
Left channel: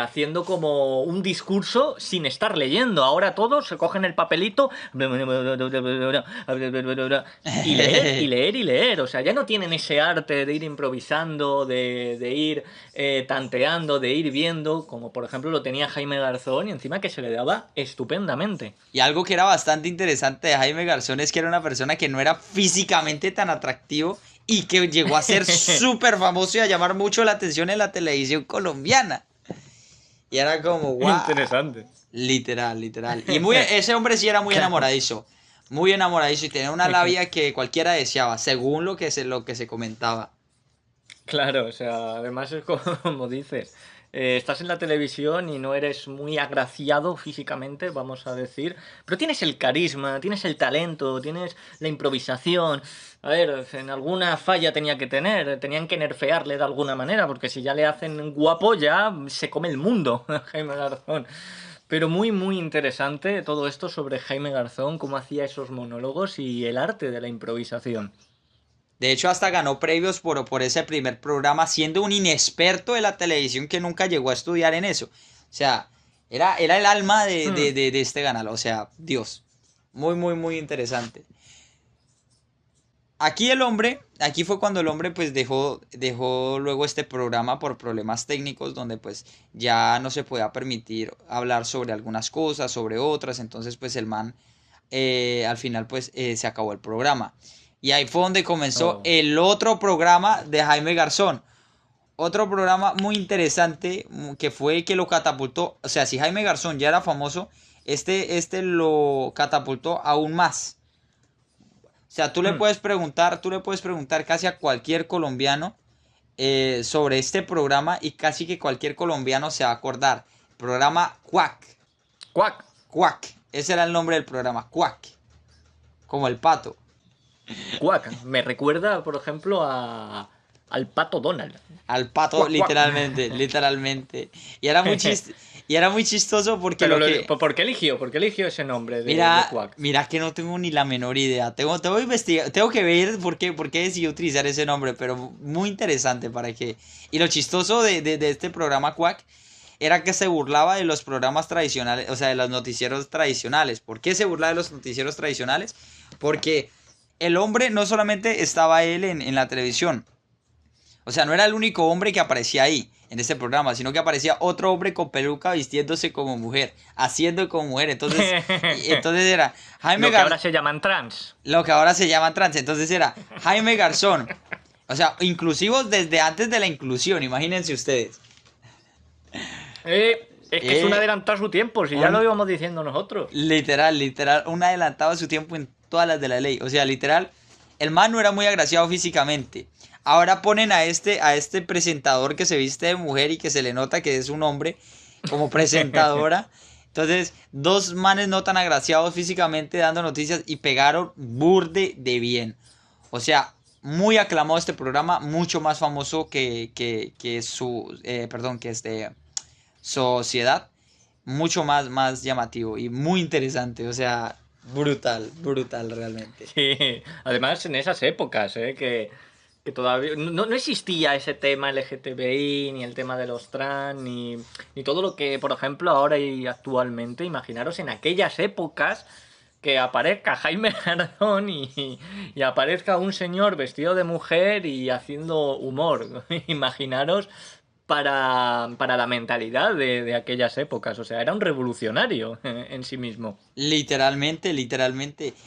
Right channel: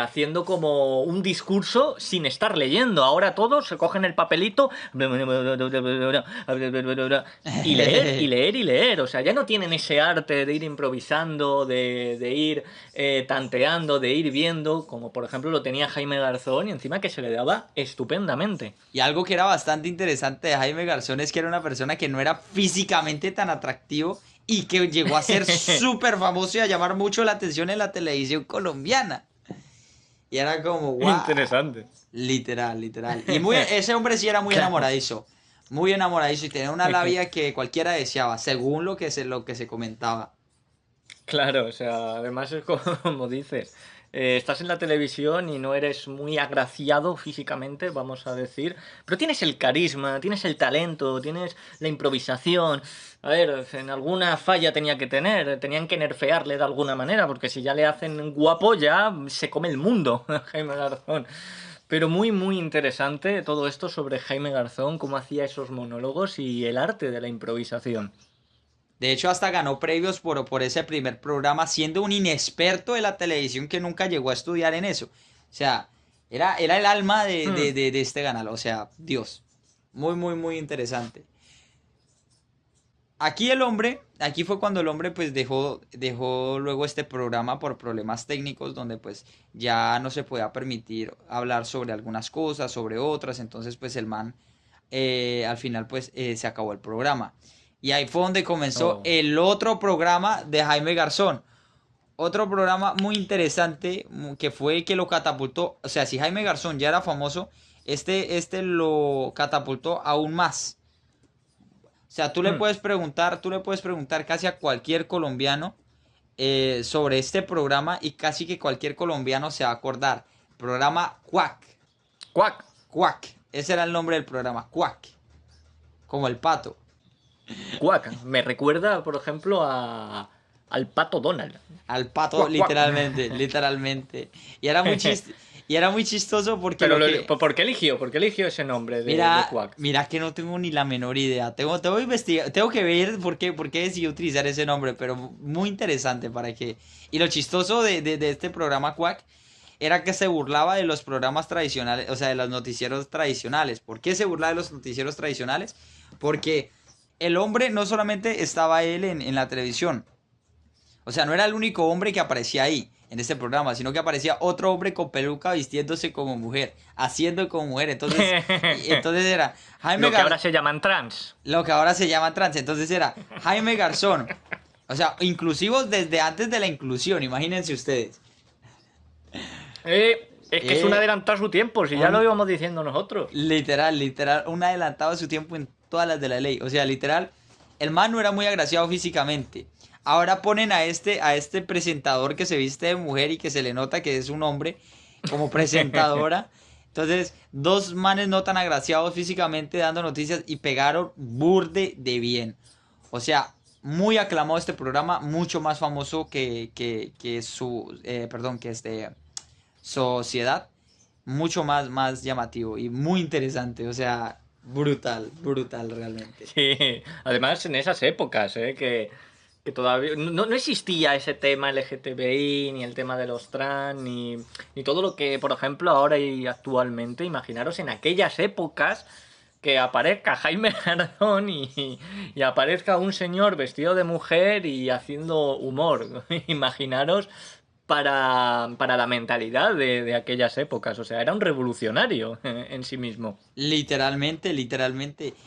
haciendo como un discurso sin estar leyendo. Ahora todos se cogen el papelito y leer, y leer, y leer. O sea, ya no tienen ese arte de ir improvisando, de ir tanteando, de ir viendo, como por ejemplo lo tenía Jaime Garzón, y encima que se le daba estupendamente. Y algo que era bastante interesante de Jaime Garzón es que era una persona que no era físicamente tan atractivo y que llegó a ser súper famoso y a llamar mucho la atención en la televisión colombiana. Y era como, wow, Interesante. literal, literal. Y ese hombre sí era Claro. muy enamoradizo y tenía una labia que cualquiera deseaba, según lo que se comentaba. Claro, o sea, además es como dices, estás en la televisión y no eres muy agraciado físicamente, vamos a decir, pero tienes el carisma, tienes el talento, tienes la improvisación. A ver, en alguna falla tenía que tener, tenían que nerfearle de alguna manera, porque si ya le hacen guapo ya se come el mundo, Jaime Garzón. Pero muy, muy interesante todo esto sobre Jaime Garzón, cómo hacía esos monólogos y el arte de la improvisación. De hecho, hasta ganó premios por ese primer programa, siendo un inexperto de la televisión que nunca llegó a estudiar en eso. O sea, era el alma Hmm. de este canal. O sea, Dios. Muy, muy, muy interesante. Aquí fue cuando el hombre pues dejó luego este programa por problemas técnicos donde pues ya no se podía permitir hablar sobre algunas cosas, sobre otras, entonces pues el man al final pues se acabó el programa. Y ahí fue donde comenzó Oh. el otro programa de Jaime Garzón. Otro programa muy interesante que fue que lo catapultó, o sea, si Jaime Garzón ya era famoso, este lo catapultó aún más. O sea, Hmm. tú le puedes preguntar casi a cualquier colombiano sobre este programa y casi que cualquier colombiano se va a acordar. Programa Quack. ¡Cuac! Quack. Ese era el nombre del programa. Quack. Como el pato. Cuac. Me recuerda, por ejemplo, al pato Donald. Al pato, Cuac, cuac. literalmente. Literalmente. Y era y era muy chistoso porque Pero lo que. ¿por qué eligió? ¿Por qué eligió ese nombre de Quack? Mira que no tengo ni la menor idea. Tengo que investigar, tengo que ver por qué decidí utilizar ese nombre, pero muy interesante para que. Y lo chistoso de este programa Quack era que se burlaba de los programas tradicionales, o sea, de los noticieros tradicionales. ¿Por qué se burlaba de los noticieros tradicionales? Porque el hombre no solamente estaba él en la televisión, o sea, no era el único hombre que aparecía ahí, en este programa, sino que aparecía otro hombre con peluca vistiéndose como mujer, haciendo como mujer. Entonces era Jaime Lo que Gar ahora se llaman trans. lo que ahora se llama trans. Entonces era Jaime Garzón. O sea, inclusivos desde antes de la inclusión, imagínense ustedes. Es que es un Eh, adelantado a su tiempo, si ya lo un, íbamos diciendo nosotros. literal, un adelantado a su tiempo en todas las de la ley. O sea, literal, el man no era muy agraciado físicamente. Ahora ponen a este presentador que se viste de mujer y que se le nota que es un hombre como presentadora. Entonces, dos manes no tan agraciados físicamente dando noticias y pegaron burde de bien. O sea, muy aclamado este programa, mucho más famoso que perdón, que Sociedad, mucho más llamativo y muy interesante, o sea, brutal realmente. Sí, además en esas épocas, que todavía no existía ese tema LGTBI, ni el tema de los trans, ni todo lo que, por ejemplo, ahora y actualmente. Imaginaros en aquellas épocas que aparezca Jaime Garzón y aparezca un señor vestido de mujer y haciendo humor. Imaginaros para la mentalidad de aquellas épocas. O sea, era un revolucionario en sí mismo. Literalmente.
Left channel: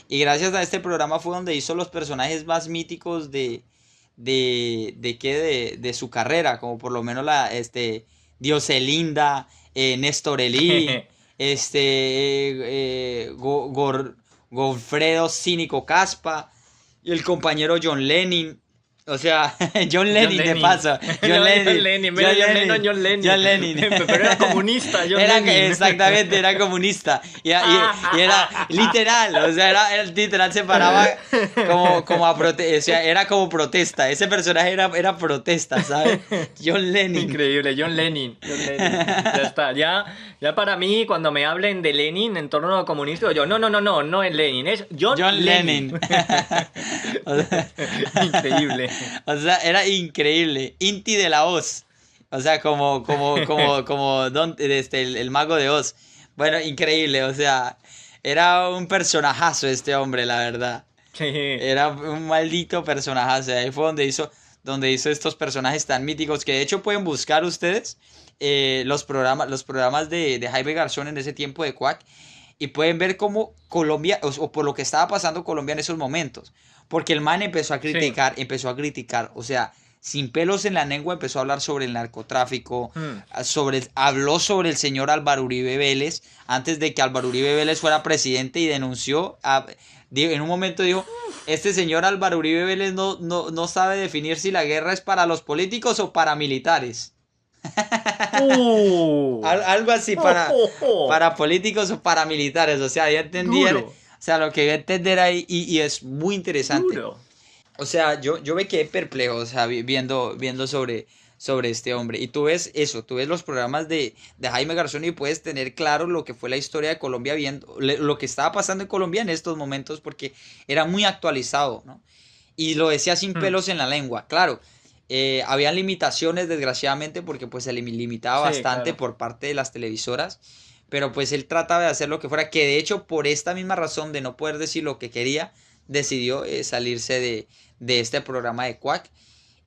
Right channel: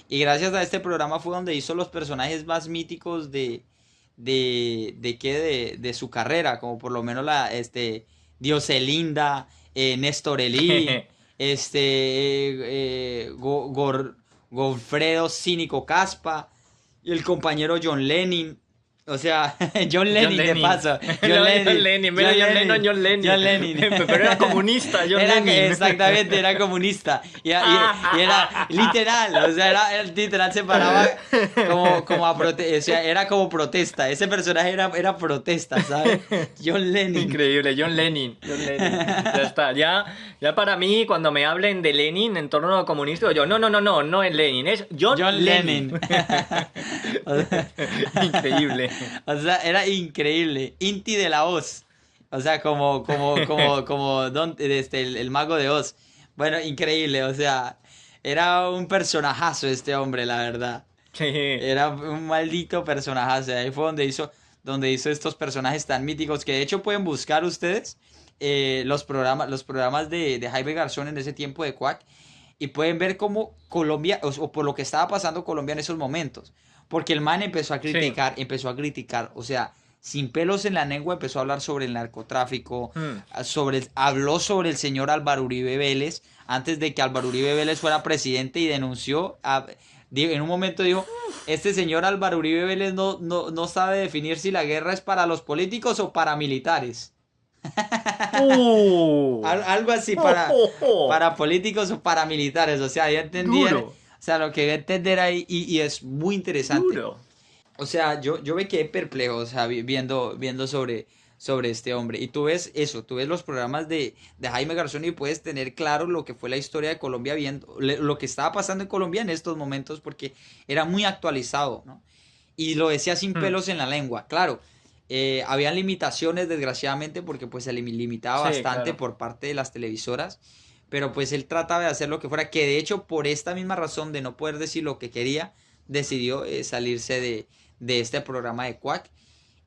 Y gracias a este programa fue donde hizo los personajes más míticos de su carrera, como por lo menos Dioselinda, Néstor Elí, Godfredo Cínico Caspa, y el compañero John Lennon. O sea, John John Lennon de Lennon. paso. No, John John Lennon. Lennon. Mira, John John Lennon, Lennon. John Lennon. John Lennon. Pero era comunista, John Era Lennon. exactamente, era comunista. Y era literal, o sea, era literal se paraba o sea, era como protesta. Ese personaje era protesta, ¿sabes? John Lennon. Increíble, John Lennon. John Lennon. Ya está. Ya para mí, cuando me hablen de Lenin en torno a comunista, yo, no es Lenin, es John John Lennon. Lennon. O sea, Increíble. o sea, era increíble. Inti de la Hoz. O sea, el mago de Oz. Bueno, increíble, o sea, era un personajazo este hombre, la verdad. Sí, Era un maldito personajazo. Ahí fue donde hizo estos personajes tan míticos que de hecho pueden buscar ustedes los programas de Jaime Garzón en ese tiempo de Quack y pueden ver cómo Colombia, o por lo que estaba pasando Colombia en esos momentos. Porque el man sí. empezó a criticar, o sea, sin pelos en la lengua empezó a hablar sobre el narcotráfico, Mm. habló sobre el señor Álvaro Uribe Vélez, antes de que Álvaro Uribe Vélez fuera presidente y denunció, en un momento dijo, este señor Álvaro Uribe Vélez no sabe definir si la guerra es para los políticos o paramilitares. ¡Uh! Algo así ¡Oh, oh, oh! para políticos o paramilitares. O sea, ya entendían, Duro, o sea, lo que iba a entender ahí y es muy interesante. duro. O sea, yo me quedé perplejo, o sea, viendo sobre este hombre. Y tú ves eso, tú ves los programas de Jaime Garzón y puedes tener claro lo que fue la historia de Colombia, viendo lo que estaba pasando en Colombia en estos momentos, porque era muy actualizado, ¿no? Y lo decía sin Mm. pelos en la lengua, claro. Habían limitaciones, desgraciadamente, porque pues se limitaba Sí, bastante claro. por parte de las televisoras. Pero pues él trataba de hacer lo que fuera, que de hecho por esta misma razón de no poder decir lo que quería, decidió salirse de este programa de Quack.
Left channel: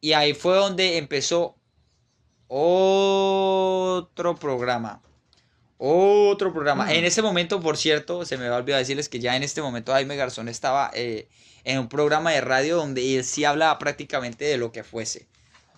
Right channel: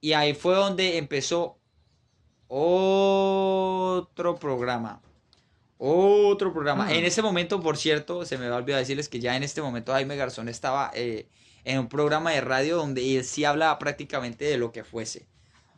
Y ahí fue donde empezó otro programa. Otro programa. En Mm. ese momento, por cierto, se me va a olvidar decirles que ya en este momento Jaime Garzón estaba en un programa de radio donde él sí hablaba prácticamente de lo que fuese.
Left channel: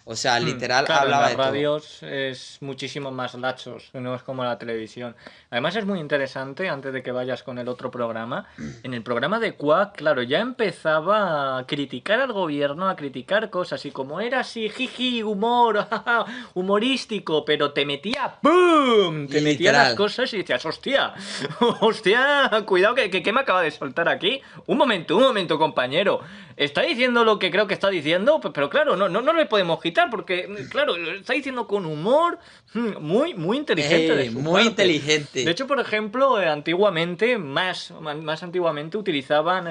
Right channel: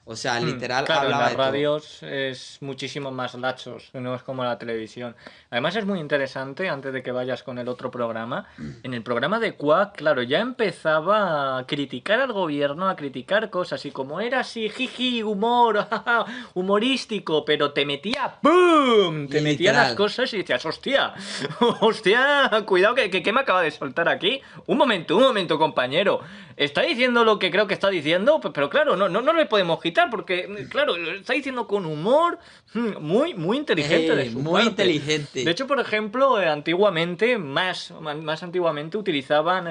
O sea, literal Claro, en hablaba las de todo. radios es muchísimo más lachos, no es como la televisión. Además es muy interesante, antes de que vayas con el otro programa, en el programa de Quack, claro, ya empezaba a criticar al gobierno, a criticar cosas, y como era así, jiji, humor, jaja, humorístico, pero te metía ¡pum! Te metía las Literal. cosas y decías, hostia, hostia, cuidado que me acaba de soltar aquí. Un momento, compañero. Está diciendo lo que creo que está diciendo, pero claro, no le podemos quitar porque, claro, lo está diciendo con humor, muy inteligente de su Muy parte. De inteligente. hecho, por ejemplo, antiguamente, más antiguamente, utilizaban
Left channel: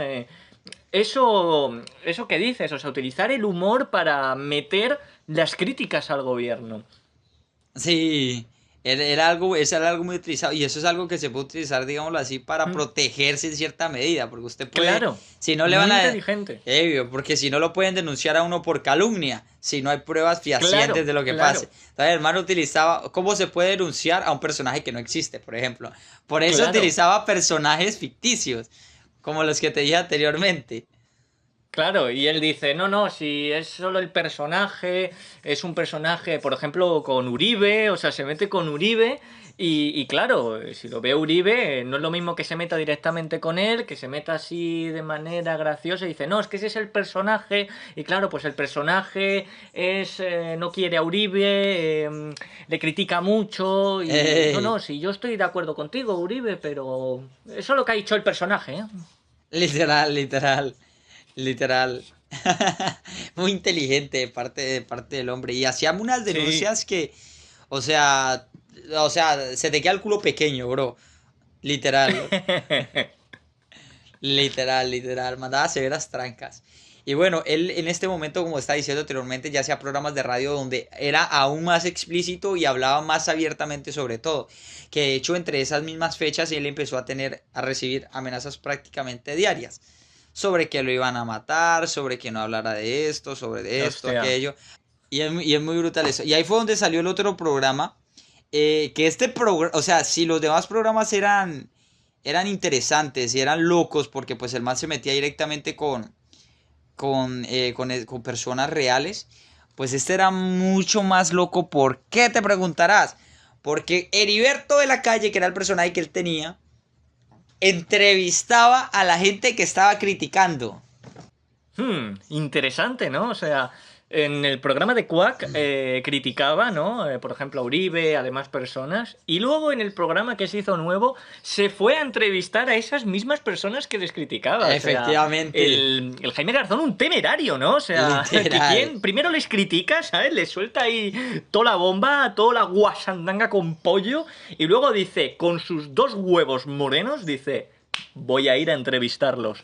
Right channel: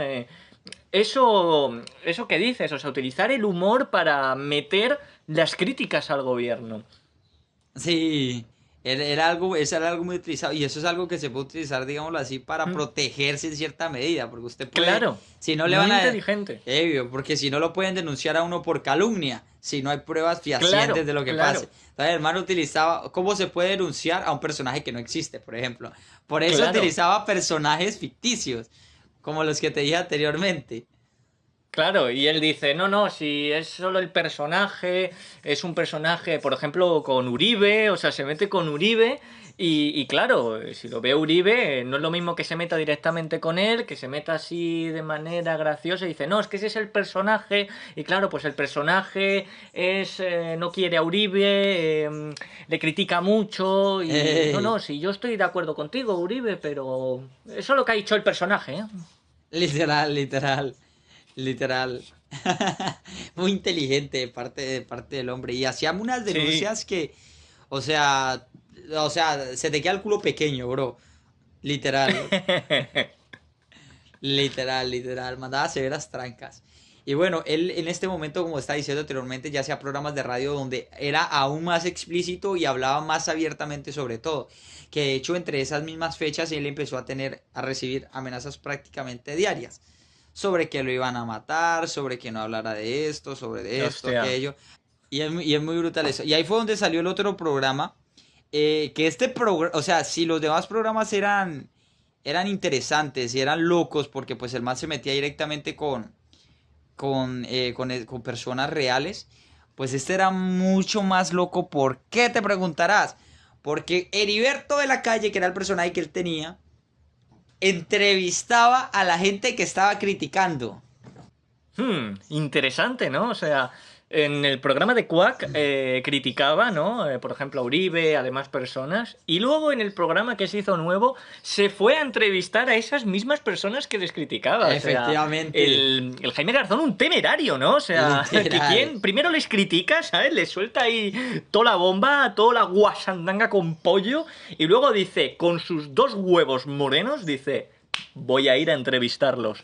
eso que dices, o sea, utilizar el humor para meter las críticas al gobierno. Sí, eso era algo muy utilizado y eso es algo que se puede utilizar, digámoslo así, para Mm, protegerse en cierta medida, porque usted puede, Claro, si no le muy van a, inteligente. porque si no lo pueden denunciar a uno por calumnia, si no hay pruebas fehacientes Claro, de lo que pase. claro, Entonces, el hermano utilizaba, ¿cómo se puede denunciar a un personaje que no existe, por ejemplo? Por eso claro. utilizaba personajes ficticios, como los que te dije anteriormente. Claro, y él dice, no, si es solo el personaje, es un personaje, por ejemplo, con Uribe, o sea, se mete con Uribe, y claro, si lo ve Uribe, no es lo mismo que se meta directamente con él, que se meta así de manera graciosa y dice, no, es que ese es el personaje, y claro, pues el personaje no quiere a Uribe, le critica mucho, y no, Eh, si yo estoy de acuerdo contigo, Uribe, pero eso es lo que ha dicho el personaje, ¿eh? literal. Literal. Muy inteligente de parte del hombre. Y hacía unas Sí. denuncias que, o sea, se te queda el culo pequeño, bro. Literal. Literal. Mandaba severas trancas. Y bueno, él en este momento, como estaba diciendo anteriormente, ya hacía programas de radio donde era aún más explícito y hablaba más abiertamente sobre todo. Que de hecho, entre esas mismas fechas, él empezó a recibir amenazas prácticamente diarias sobre que lo iban a matar, sobre que no hablara de esto, Hostia. aquello. Y es muy brutal eso. Y ahí fue donde salió el otro programa. Que este programa, o sea, si los demás programas eran interesantes y eran locos, porque pues el man se metía directamente con personas reales, pues este era mucho más loco. ¿Por qué te preguntarás? Porque Heriberto de la Calle, que era el personaje que él tenía, entrevistaba a la gente que estaba criticando. Interesante, ¿no? O sea, en el programa de Quack criticaba, ¿no? Por ejemplo, a Uribe, a demás personas. Y luego en el programa que se hizo nuevo, se fue a entrevistar a esas mismas personas que les criticaba. O sea, Efectivamente, el Jaime Garzón, un temerario, ¿no? O sea, que literal. quien primero les critica, ¿sabes? Les suelta ahí toda la bomba, toda la guasandanga con pollo. Y luego dice, con sus dos huevos morenos, dice, voy a ir a entrevistarlos.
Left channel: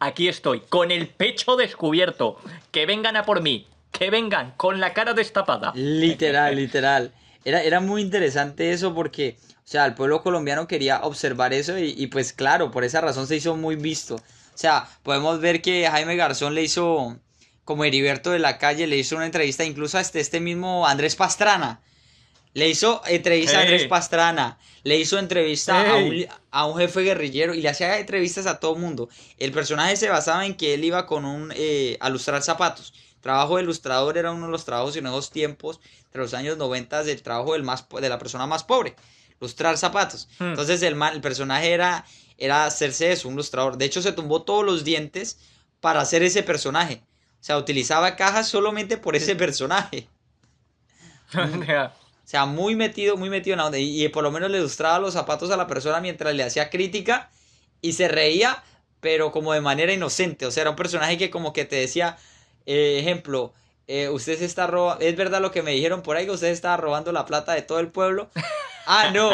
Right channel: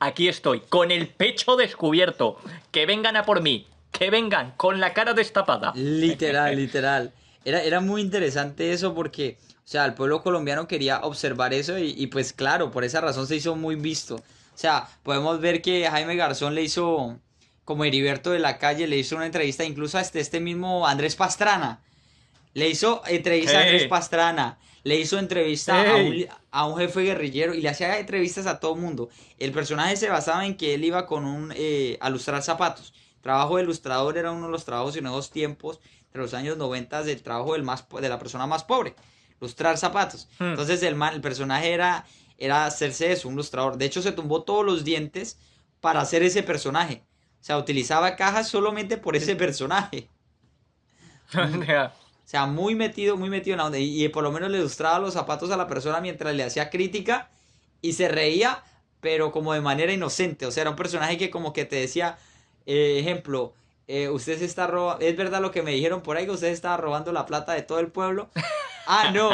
Aquí estoy, con el pecho descubierto. Que vengan a por mí. que vengan con la cara destapada. Literal, literal. Era muy interesante eso porque, o sea, el pueblo colombiano quería observar eso y pues claro, por esa razón se hizo muy visto. O sea, podemos ver que Jaime Garzón le hizo, como Heriberto de la Calle, le hizo una entrevista incluso a este mismo Andrés Pastrana. Le hizo entrevista a Andrés ¡Eh! Pastrana, le hizo entrevista ¡Ey! a un jefe guerrillero y le hacía entrevistas a todo mundo. El personaje se basaba en que él iba con a lustrar zapatos. El trabajo de ilustrador era uno de los trabajos en esos tiempos, entre los años 90, del trabajo de la persona más pobre, lustrar zapatos. Hmm. Entonces el personaje era hacerse eso, un lustrador. De hecho, se tumbó todos los dientes para hacer ese personaje. O sea, utilizaba cajas solamente por ese personaje. O sea, muy metido en la onda. Y por lo menos le ilustraba los zapatos a la persona mientras le hacía crítica y se reía, pero como de manera inocente. O sea, era un personaje que como que te decía, ejemplo, usted se está robando, es verdad lo que me dijeron por ahí, que usted estaba robando la plata de todo el pueblo. Ah, no.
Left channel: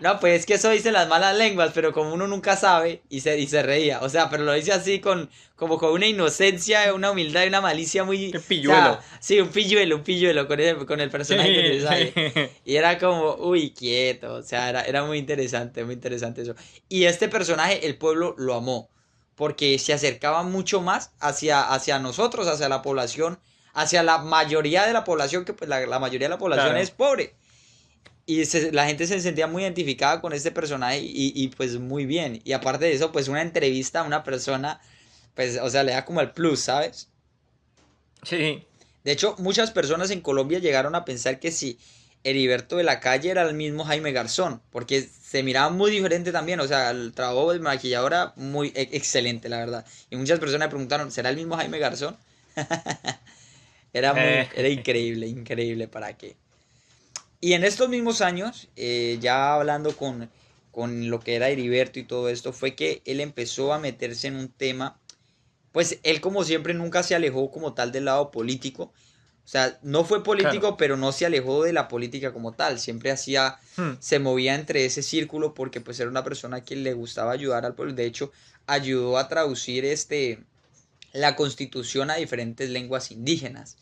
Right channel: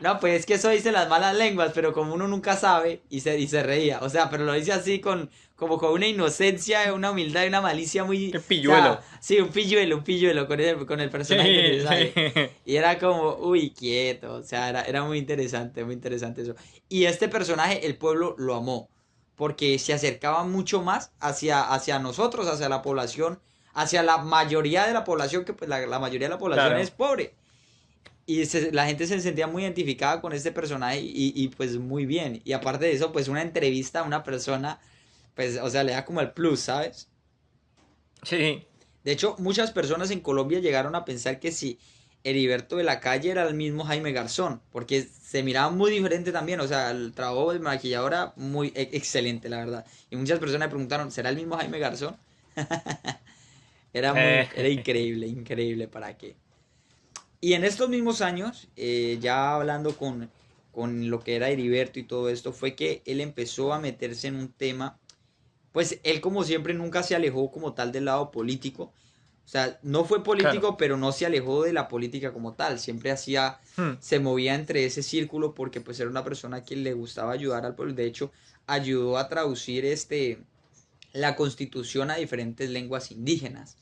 No, pues es que eso dicen las malas lenguas, pero como uno nunca sabe y se reía. O sea, pero lo dice así como con una inocencia, una humildad y una malicia muy... ¡Qué O sea, pilluelo! sí, un pilluelo con el personaje que te Sí, sale. sí. Y era como, uy, quieto. O sea, era muy interesante eso. Y este personaje, el pueblo lo amó. Porque se acercaba mucho más hacia nosotros, hacia la población, hacia la mayoría de la población, que pues la mayoría de la población es Claro. pobre. Y la gente se sentía muy identificada con este personaje pues muy bien. Y aparte de eso, pues una entrevista a una persona, pues, o sea, le da como el plus, ¿sabes? Sí. De hecho, muchas personas en Colombia llegaron a pensar que si Heriberto de la Calle era el mismo Jaime Garzón, porque se miraba muy diferente también, o sea, el trabajo del maquillador era muy excelente, la verdad. Y muchas personas me preguntaron, ¿será el mismo Jaime Garzón? Era Eh, increíble, increíble, ¿para qué? Y en estos mismos años, ya hablando con lo que era Heriberto y todo esto, fue que él empezó a meterse en un tema, pues él como siempre nunca se alejó como tal del lado político, o sea, no fue claro. político, pero no se alejó de la política como tal, siempre Hmm. se movía entre ese círculo porque pues era una persona que le gustaba ayudar al pueblo, de hecho, ayudó a traducir la constitución a diferentes lenguas indígenas.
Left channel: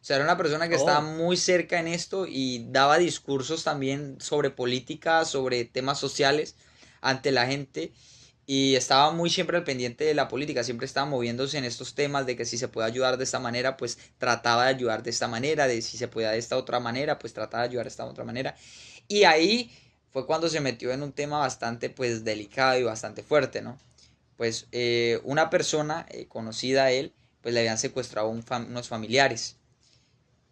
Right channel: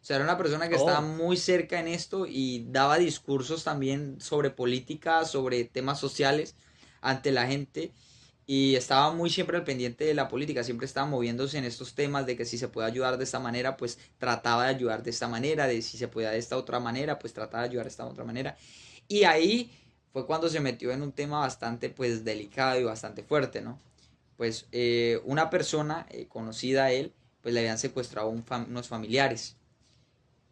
O sea, era una persona que estaba Oh, muy cerca en esto y daba discursos también sobre política, sobre temas sociales ante la gente y estaba muy siempre al pendiente de la política, siempre estaba moviéndose en estos temas de que si se puede ayudar de esta manera, pues trataba de ayudar de esta manera, de si se podía de esta otra manera, pues trataba de ayudar de esta otra manera. Y ahí fue cuando se metió en un tema bastante pues delicado y bastante fuerte, ¿no? Pues una persona conocida a él, pues le habían secuestrado unos familiares.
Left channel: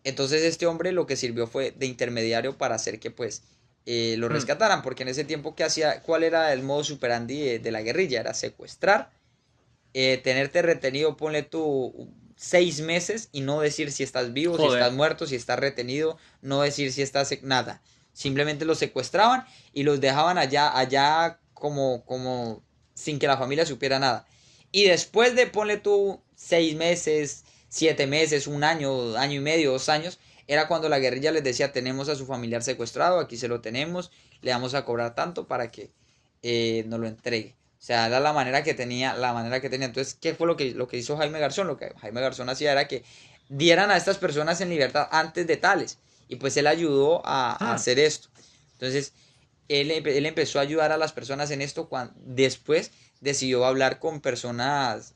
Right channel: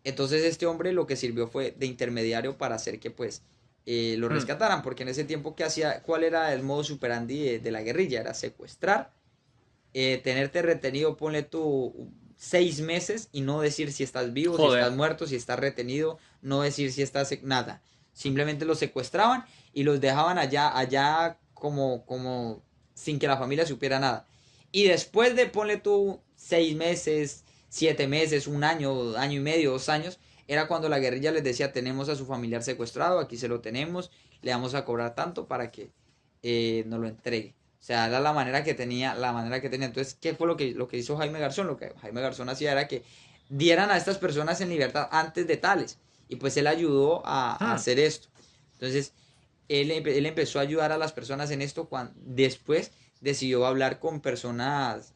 Entonces este hombre lo que sirvió fue de intermediario para hacer que pues lo hmm. rescataran, porque en ese tiempo que hacía, ¿cuál era el modo superandi de la guerrilla? Era secuestrar, tenerte retenido, ponle tú 6 meses y no decir si estás vivo, si estás Joder. muerto, si estás retenido, no decir si estás nada. Simplemente los secuestraban y los dejaban allá como sin que la familia supiera nada. Y después de, ponle tú 6 meses, 7 meses, un año, año y medio, 2 años, era cuando la guerrilla les decía, tenemos a su familiar secuestrado, aquí se lo tenemos, le vamos a cobrar tanto para que nos lo entregue. O sea, era la manera que tenía. Entonces, ¿qué fue lo que hizo Jaime Garzón? Lo que Jaime Garzón hacía era que dieran a estas personas en libertad antes de tales. Y pues él ayudó a Hmm. hacer esto. Entonces, él empezó a ayudar a las personas en esto cuando después decidió hablar con personas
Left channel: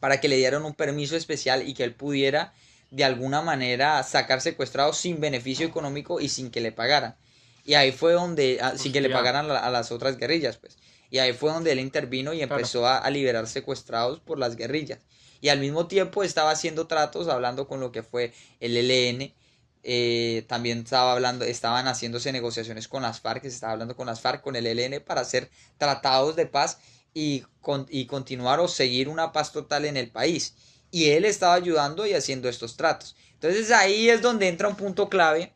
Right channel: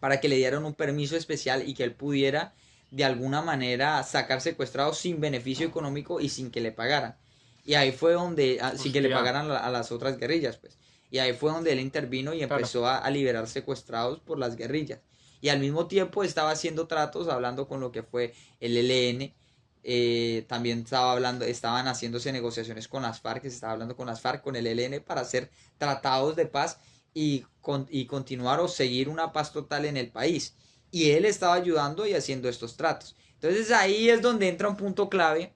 para que le dieran un permiso especial y que él pudiera de alguna manera sacar secuestrados sin beneficio económico y sin que le pagaran. Y ahí fue donde, sin que le Hostia. pagaran a las otras guerrillas, pues. Y ahí fue donde él intervino y Claro. empezó a liberar secuestrados por las guerrillas. Y al mismo tiempo estaba haciendo tratos, hablando con lo que fue el ELN. También estaban haciéndose negociaciones con las FARC, se estaba hablando con las FARC, con el ELN para hacer tratados de paz y continuar o seguir una paz total en el país. Y él estaba ayudando y haciendo estos tratos. Entonces ahí es donde entra un punto clave.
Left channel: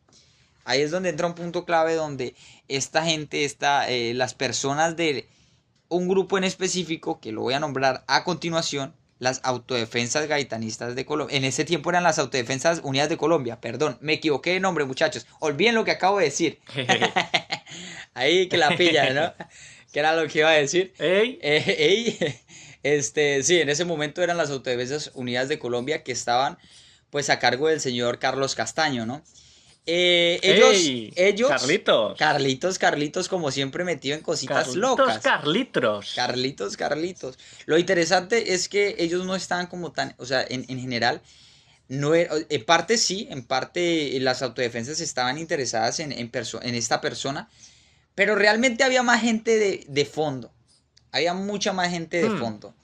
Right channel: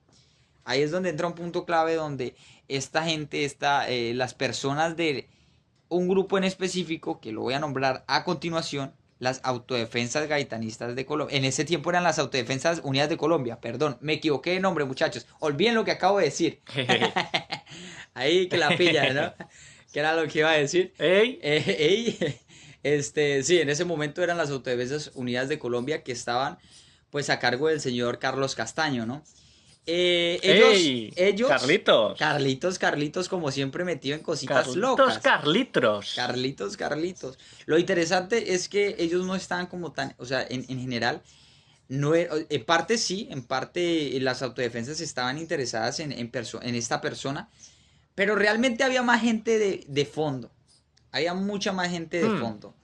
Ahí es donde entra un punto clave donde esta gente, las personas de un grupo en específico, que lo voy a nombrar a continuación, las autodefensas gaitanistas de Colombia. En ese tiempo eran las autodefensas unidas de Colombia, perdón, me equivoqué de nombre, muchachos. Olviden lo que acabo de decir. Ahí que la pilla, ¿no? Que era lo que iba a decir. ¡Ey! Sí, en ese momento eran las autodefensas unidas de Colombia que estaban pues a cargo del señor Carlos Castaño, ¿no? ¡Ey! Ellos, Carlitos. Carlitos, como siempre metido en cositas Carlitos, locas. Carlitos. Carlitos. Lo interesante es que ellos no estaban como tan, o sea, en general, no, en parte sí, en parte las autodefensas estaban interesadas en esta persona, pero realmente había más gente de fondo, había mucha más gente de Hmm, fondo.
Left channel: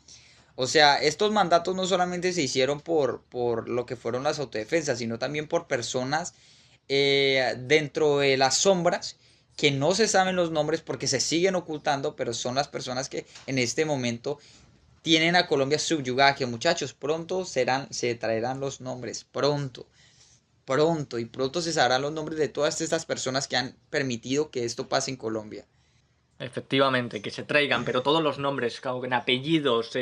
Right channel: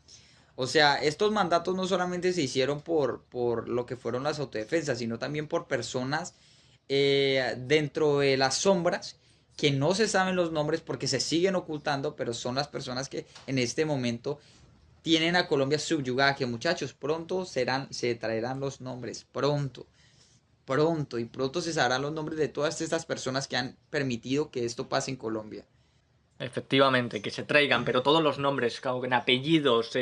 O sea, estos mandatos no solamente se hicieron por lo que fueron las autodefensas, sino también por personas dentro de las sombras que no se saben los nombres porque se siguen ocultando, pero son las personas que en este momento tienen a Colombia subyugada, que muchachos, pronto se traerán los nombres, y pronto se sabrán los nombres de todas estas personas que han permitido que esto pase en Colombia. efectivamente, que se traigan, pero todos los nombres, con apellidos,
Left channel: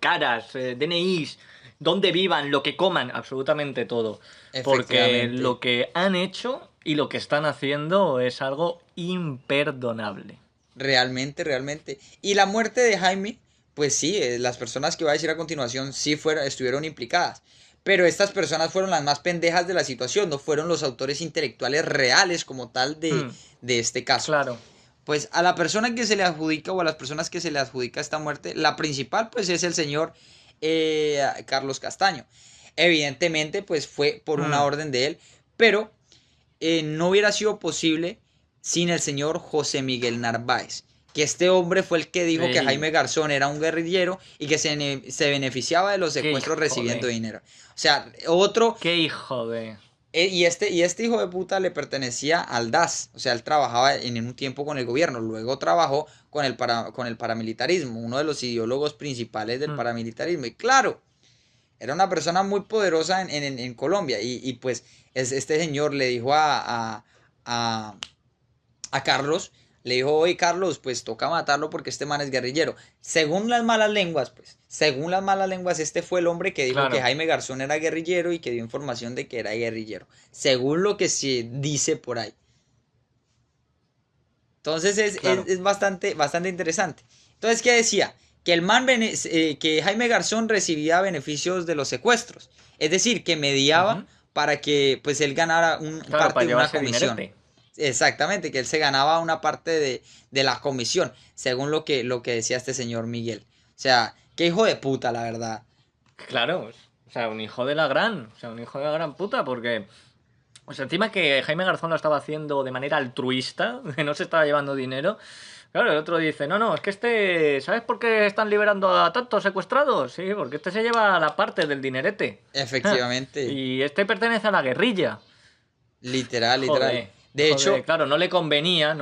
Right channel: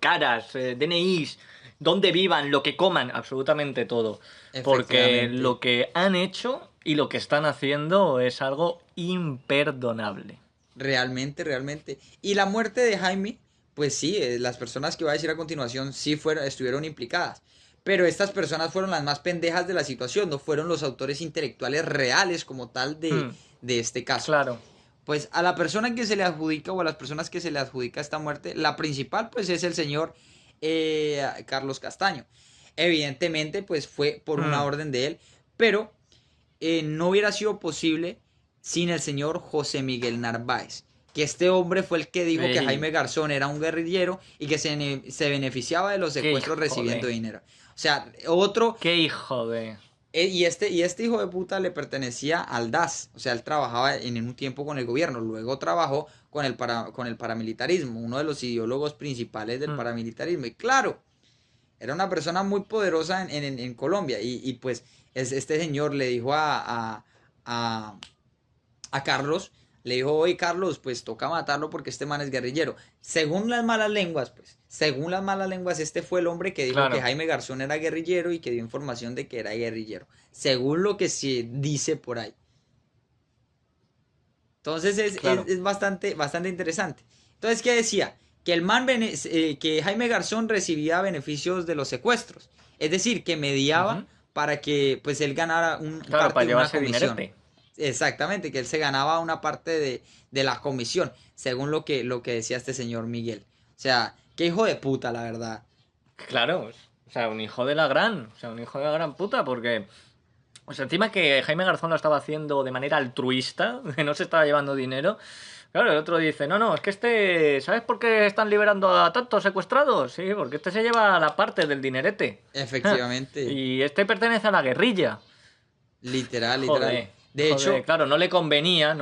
caras, DNIs, dónde vivan, lo que coman, absolutamente todo. Porque Efectivamente, lo que han hecho y lo que están haciendo es algo imperdonable. realmente. Y la muerte de Jaime, pues sí, las personas que voy a decir a continuación sí estuvieron implicadas. Pero estas personas fueron las más pendejas de la situación, no fueron los autores intelectuales reales como tal Hmm, de este caso. claro. Pues a la persona que se le adjudica o a las personas que se le adjudica esta muerte, la principal pues es el señor Carlos Castaño. Evidentemente pues fue por una Hmm, orden de él, pero no hubiera sido posible sin el señor José Miguel Narváez. Que este hombre fue el que dijo que ey, Jaime Garzón era un guerrillero y que se beneficiaba de los qué secuestros hijo recibiendo de... dinero. O sea, otro, Qué hijo de... y este hijo de puta le pertenecía al DAS, o sea, él trabajaba en un tiempo con el gobierno, luego trabajó con el paramilitarismo, uno de los ideólogos principales del Hmm, paramilitarismo. Y claro, era una persona muy poderosa en Colombia. Y pues este señor le dijo a, a Carlos, le dijo, oye Carlos, pues toca matarlo porque este man es guerrillero. Según las malas lenguas, este fue el hombre que dijo que claro, Jaime Garzón era guerrillero y que dio información de que era guerrillero. Según lo que se dice por ahí. Entonces claro. es bastante interesante. Entonces, ¿qué decía? Que que Jaime Garzón recibía beneficios de los secuestros. Es decir, que mediaba Ujú, para que pues él ganara claro, parte para de una llevarse comisión. dinerete. Exactamente, que él se ganaba una parte de la comisión, según lo que decía este señor Miguel. O sea, qué hijo de puta, la verdad. Claro, o sea, un hijo de la gran, o sea, un hijo de la gran puta, porque, o sea, encima que Jaime Garzón lo estaba haciendo de manera altruista, que no se estaba llevando dinero. Claro, el otro dice, no, es que este, ¿sabes por qué están liberando a tantos secuestrados? Sí, porque este se lleva la parte del dinerete. Ja, Efectivamente, y este pertenece a la guerrilla. literal. De Joder, hecho, claro, no le convenía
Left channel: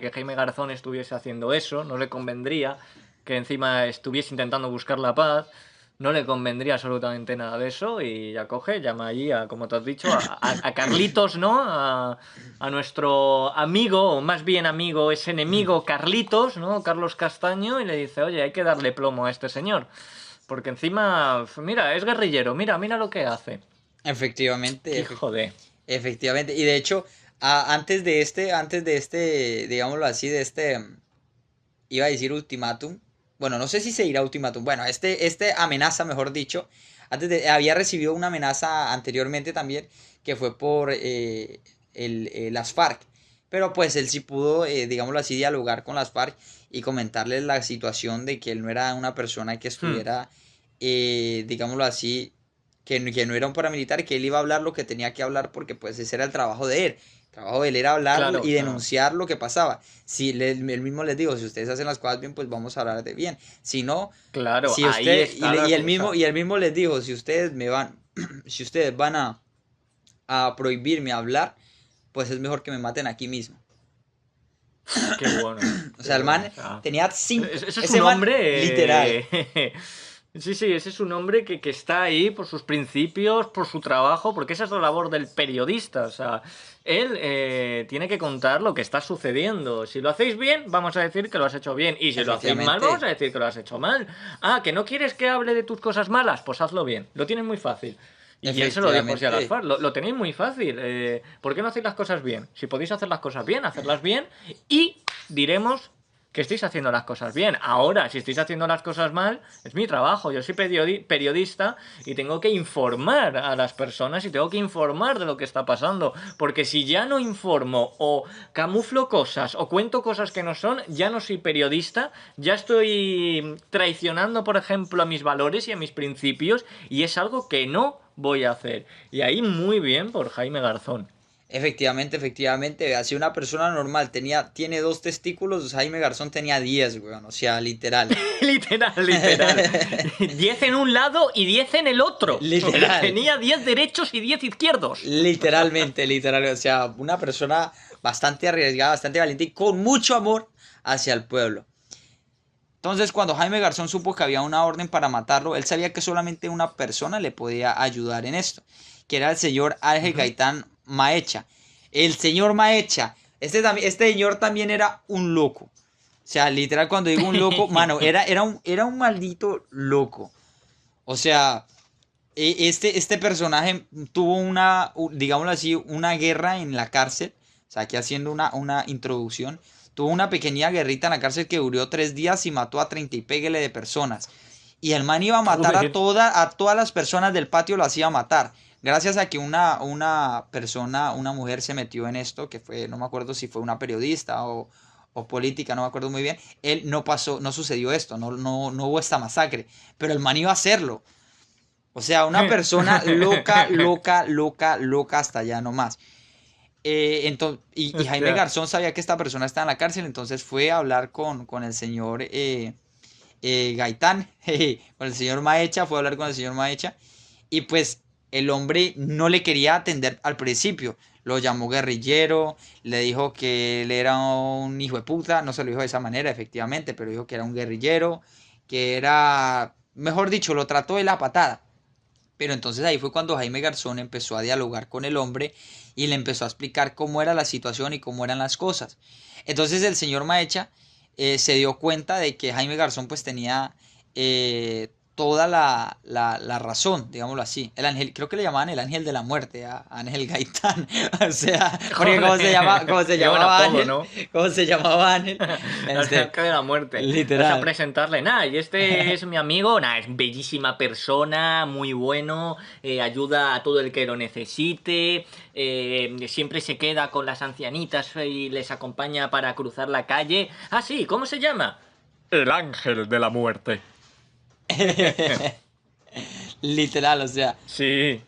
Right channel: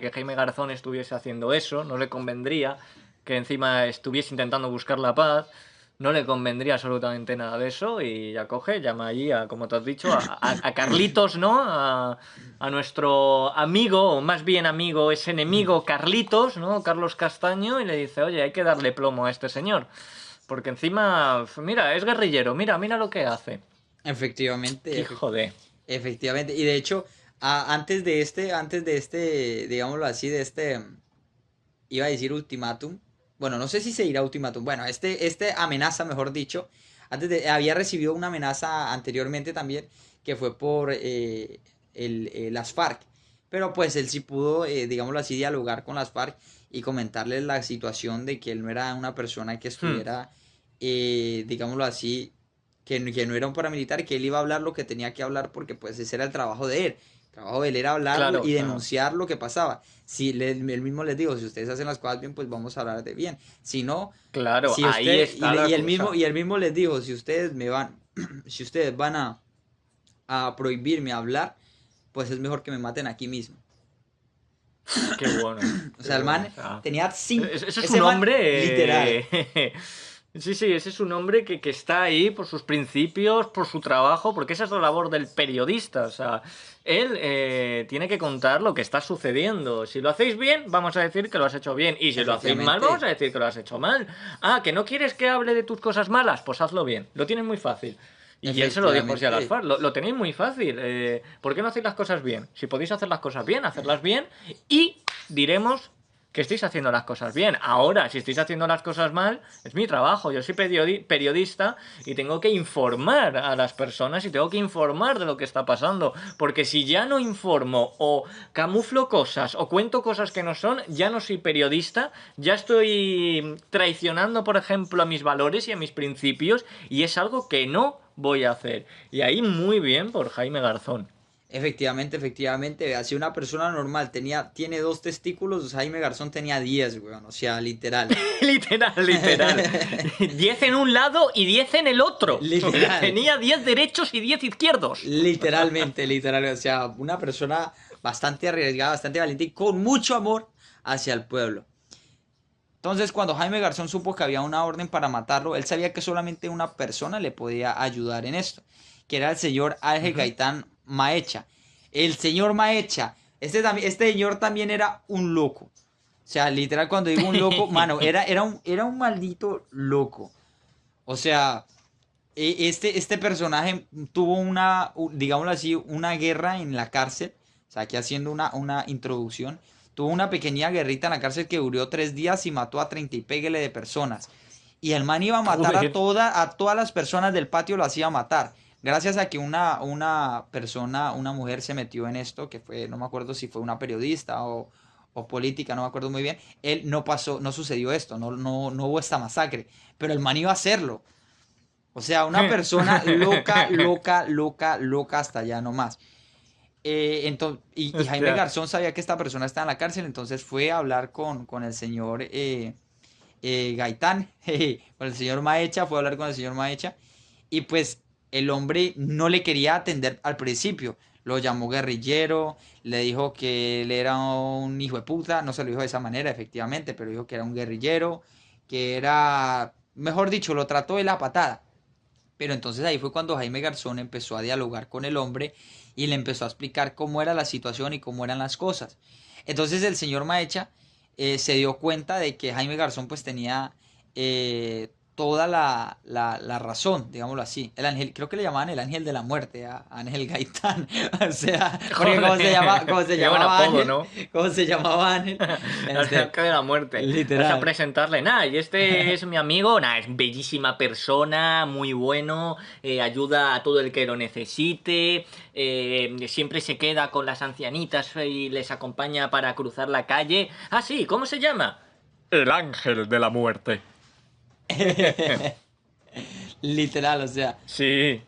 que Jaime Garzón estuviese haciendo eso, no le convendría que encima estuviese intentando buscar la paz, no le convendría absolutamente nada de eso y ya coge, llama allí a, como te has dicho, a Carlitos, ¿no? A nuestro amigo, o más bien amigo, es enemigo Carlitos, ¿no? Carlos Castaño, y le dice, oye, hay que darle plomo a este señor. Porque encima, mira, es guerrillero, mira lo que hace. efectivamente, Hijo de... efectivamente. Y de hecho, antes de este, digámoslo así, iba a decir ultimátum. Bueno, no sé si se dirá ultimátum. Bueno, este amenaza, mejor dicho. Había recibido una amenaza anteriormente también, que fue por las FARC. Pero pues él sí pudo, digámoslo así, dialogar con las FARC y comentarles la situación de que él no era una persona que Hmm, estuviera, digámoslo así, que no era un paramilitar, que él iba a hablar lo que tenía que hablar porque pues ese era el trabajo de él. El trabajo de él era hablar claro, o y sea... denunciar lo que pasaba. Si él mismo les dijo, si ustedes hacen las cosas bien, pues vamos a hablar de bien. Si no, Claro, si ahí usted, está la cosa. y él mismo les dijo, si ustedes me van, si ustedes van a prohibirme hablar, pues es mejor que me maten aquí mismo. Qué bueno, O qué sea, el bueno. O man sea, tenía cinco, ese es ese un man, hombre. literal, Sí, sí, ese es un hombre que está ahí por sus principios, por su trabajo, porque esa es la labor del periodista. O sea, él tiene que contar lo que está sucediendo. Si lo hacéis bien, vamos a decir que lo has hecho bien. Y si lo hacéis mal, vamos efectivamente, a decir que lo has hecho mal. Ah, que no quieres que hable de tus cosas malas, pues hazlo bien. Lo tienes muy fácil. Y él se lo dijo así a las efectivamente, FARC, lo tenéis muy fácil. ¿Por qué no hacéis las cosas bien? Si podéis hacer las cosas bien, hacerlas bien y diremos que estéis haciendo las cosas bien. Ahora, si estáis haciendo las cosas mal, es mi trabajo. Yo soy periodista y tengo que informar a las personas y tengo que informar de lo que está pasando. Porque si ya no informo o camuflo cosas o cuento cosas que no son, ya no soy periodista, ya estoy traicionando, por ejemplo, a mis valores y a mis principios, y es algo que no voy a hacer. Y ahí muy bien por Jaime Garzón. Efectivamente, efectivamente, así una persona normal tiene dos testículos, Jaime Garzón tenía 10, weón, o sea, literal. Literal, literal. 10 en un lado y 10 en el otro. Literal, Tenía 10 derechos y 10 izquierdos. literalmente, literal, o sea, una persona bastante arriesgada, bastante valiente y con mucho amor hacia el pueblo. Entonces, cuando Jaime Garzón supo que había una orden para matarlo, él sabía que solamente una persona le podía ayudar en esto, que era el señor Ángel Ujú. Gaitán Maecha. El señor Maecha, este señor también era un loco. O sea, literal, cuando digo un loco, mano, era un maldito loco. O sea, este personaje tuvo digámoslo así, una guerra en la cárcel. O sea, aquí haciendo una introducción. Tuvo una pequeña guerrita en la cárcel que duró 3 días y mató a 30 y péguele de personas. Y el man iba a matar Joder. a todas las personas del patio, lo hacía matar. Gracias a que una persona, una mujer se metió en esto, que fue, no me acuerdo si fue una periodista o política, no me acuerdo muy bien. Él no pasó, no sucedió esto, no hubo esta masacre. Pero el man iba a hacerlo. O sea, una persona loca, loca, loca, loca hasta allá nomás. Y Jaime Hostia. Garzón sabía que esta persona estaba en la cárcel, entonces fue a hablar con el señor Gaitán, con el señor Maecha, fue a hablar con el señor Maecha, y pues el hombre no le quería atender al principio. Lo llamó guerrillero, le dijo que él era un hijo de puta, no se lo dijo de esa manera, efectivamente, pero dijo que era un guerrillero, que era, mejor dicho, lo trató de la patada. Pero entonces ahí fue cuando Jaime Garzón empezó a dialogar con el hombre y le empezó a explicar cómo era la situación y cómo eran las cosas. Entonces el señor Maecha se dio cuenta de que Jaime Garzón pues tenía toda la razón, digámoslo así. El ángel, creo que le llamaban el ángel de la muerte a Ángel Gaitán. O sea, porque Joder. cómo se Qué buen llamaba apodo, Ángel, ¿no? cómo se llamaba Ángel. Al Este, que de la muerte. Vas a literal. presentarle, nada, y este es mi amigo, nada, es bellísima persona, muy bueno, ayuda a todo el que lo necesite, siempre se queda con las ancianitas y les acompaña para cruzar la calle. Ah, sí, ¿cómo se llama? El ángel de la muerte. Literal, o sea, Sí.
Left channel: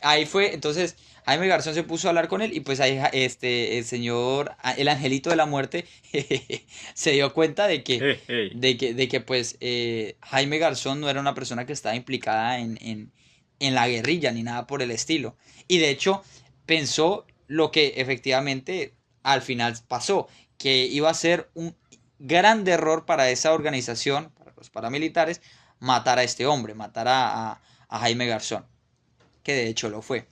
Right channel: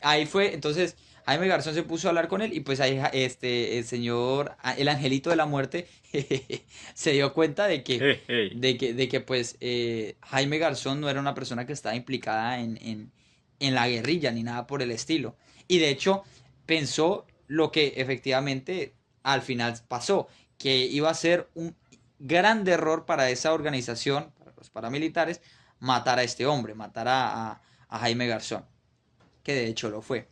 ahí fue, entonces Jaime Garzón se puso a hablar con él y pues ahí el señor, el angelito de la muerte, se dio cuenta de que, pues Jaime Garzón no era una persona que estaba implicada en la guerrilla ni nada por el estilo. Y de hecho pensó lo que efectivamente al final pasó, que iba a ser un gran error para esa organización, para los paramilitares, matar a este hombre, matar a Jaime Garzón, que de hecho lo fue.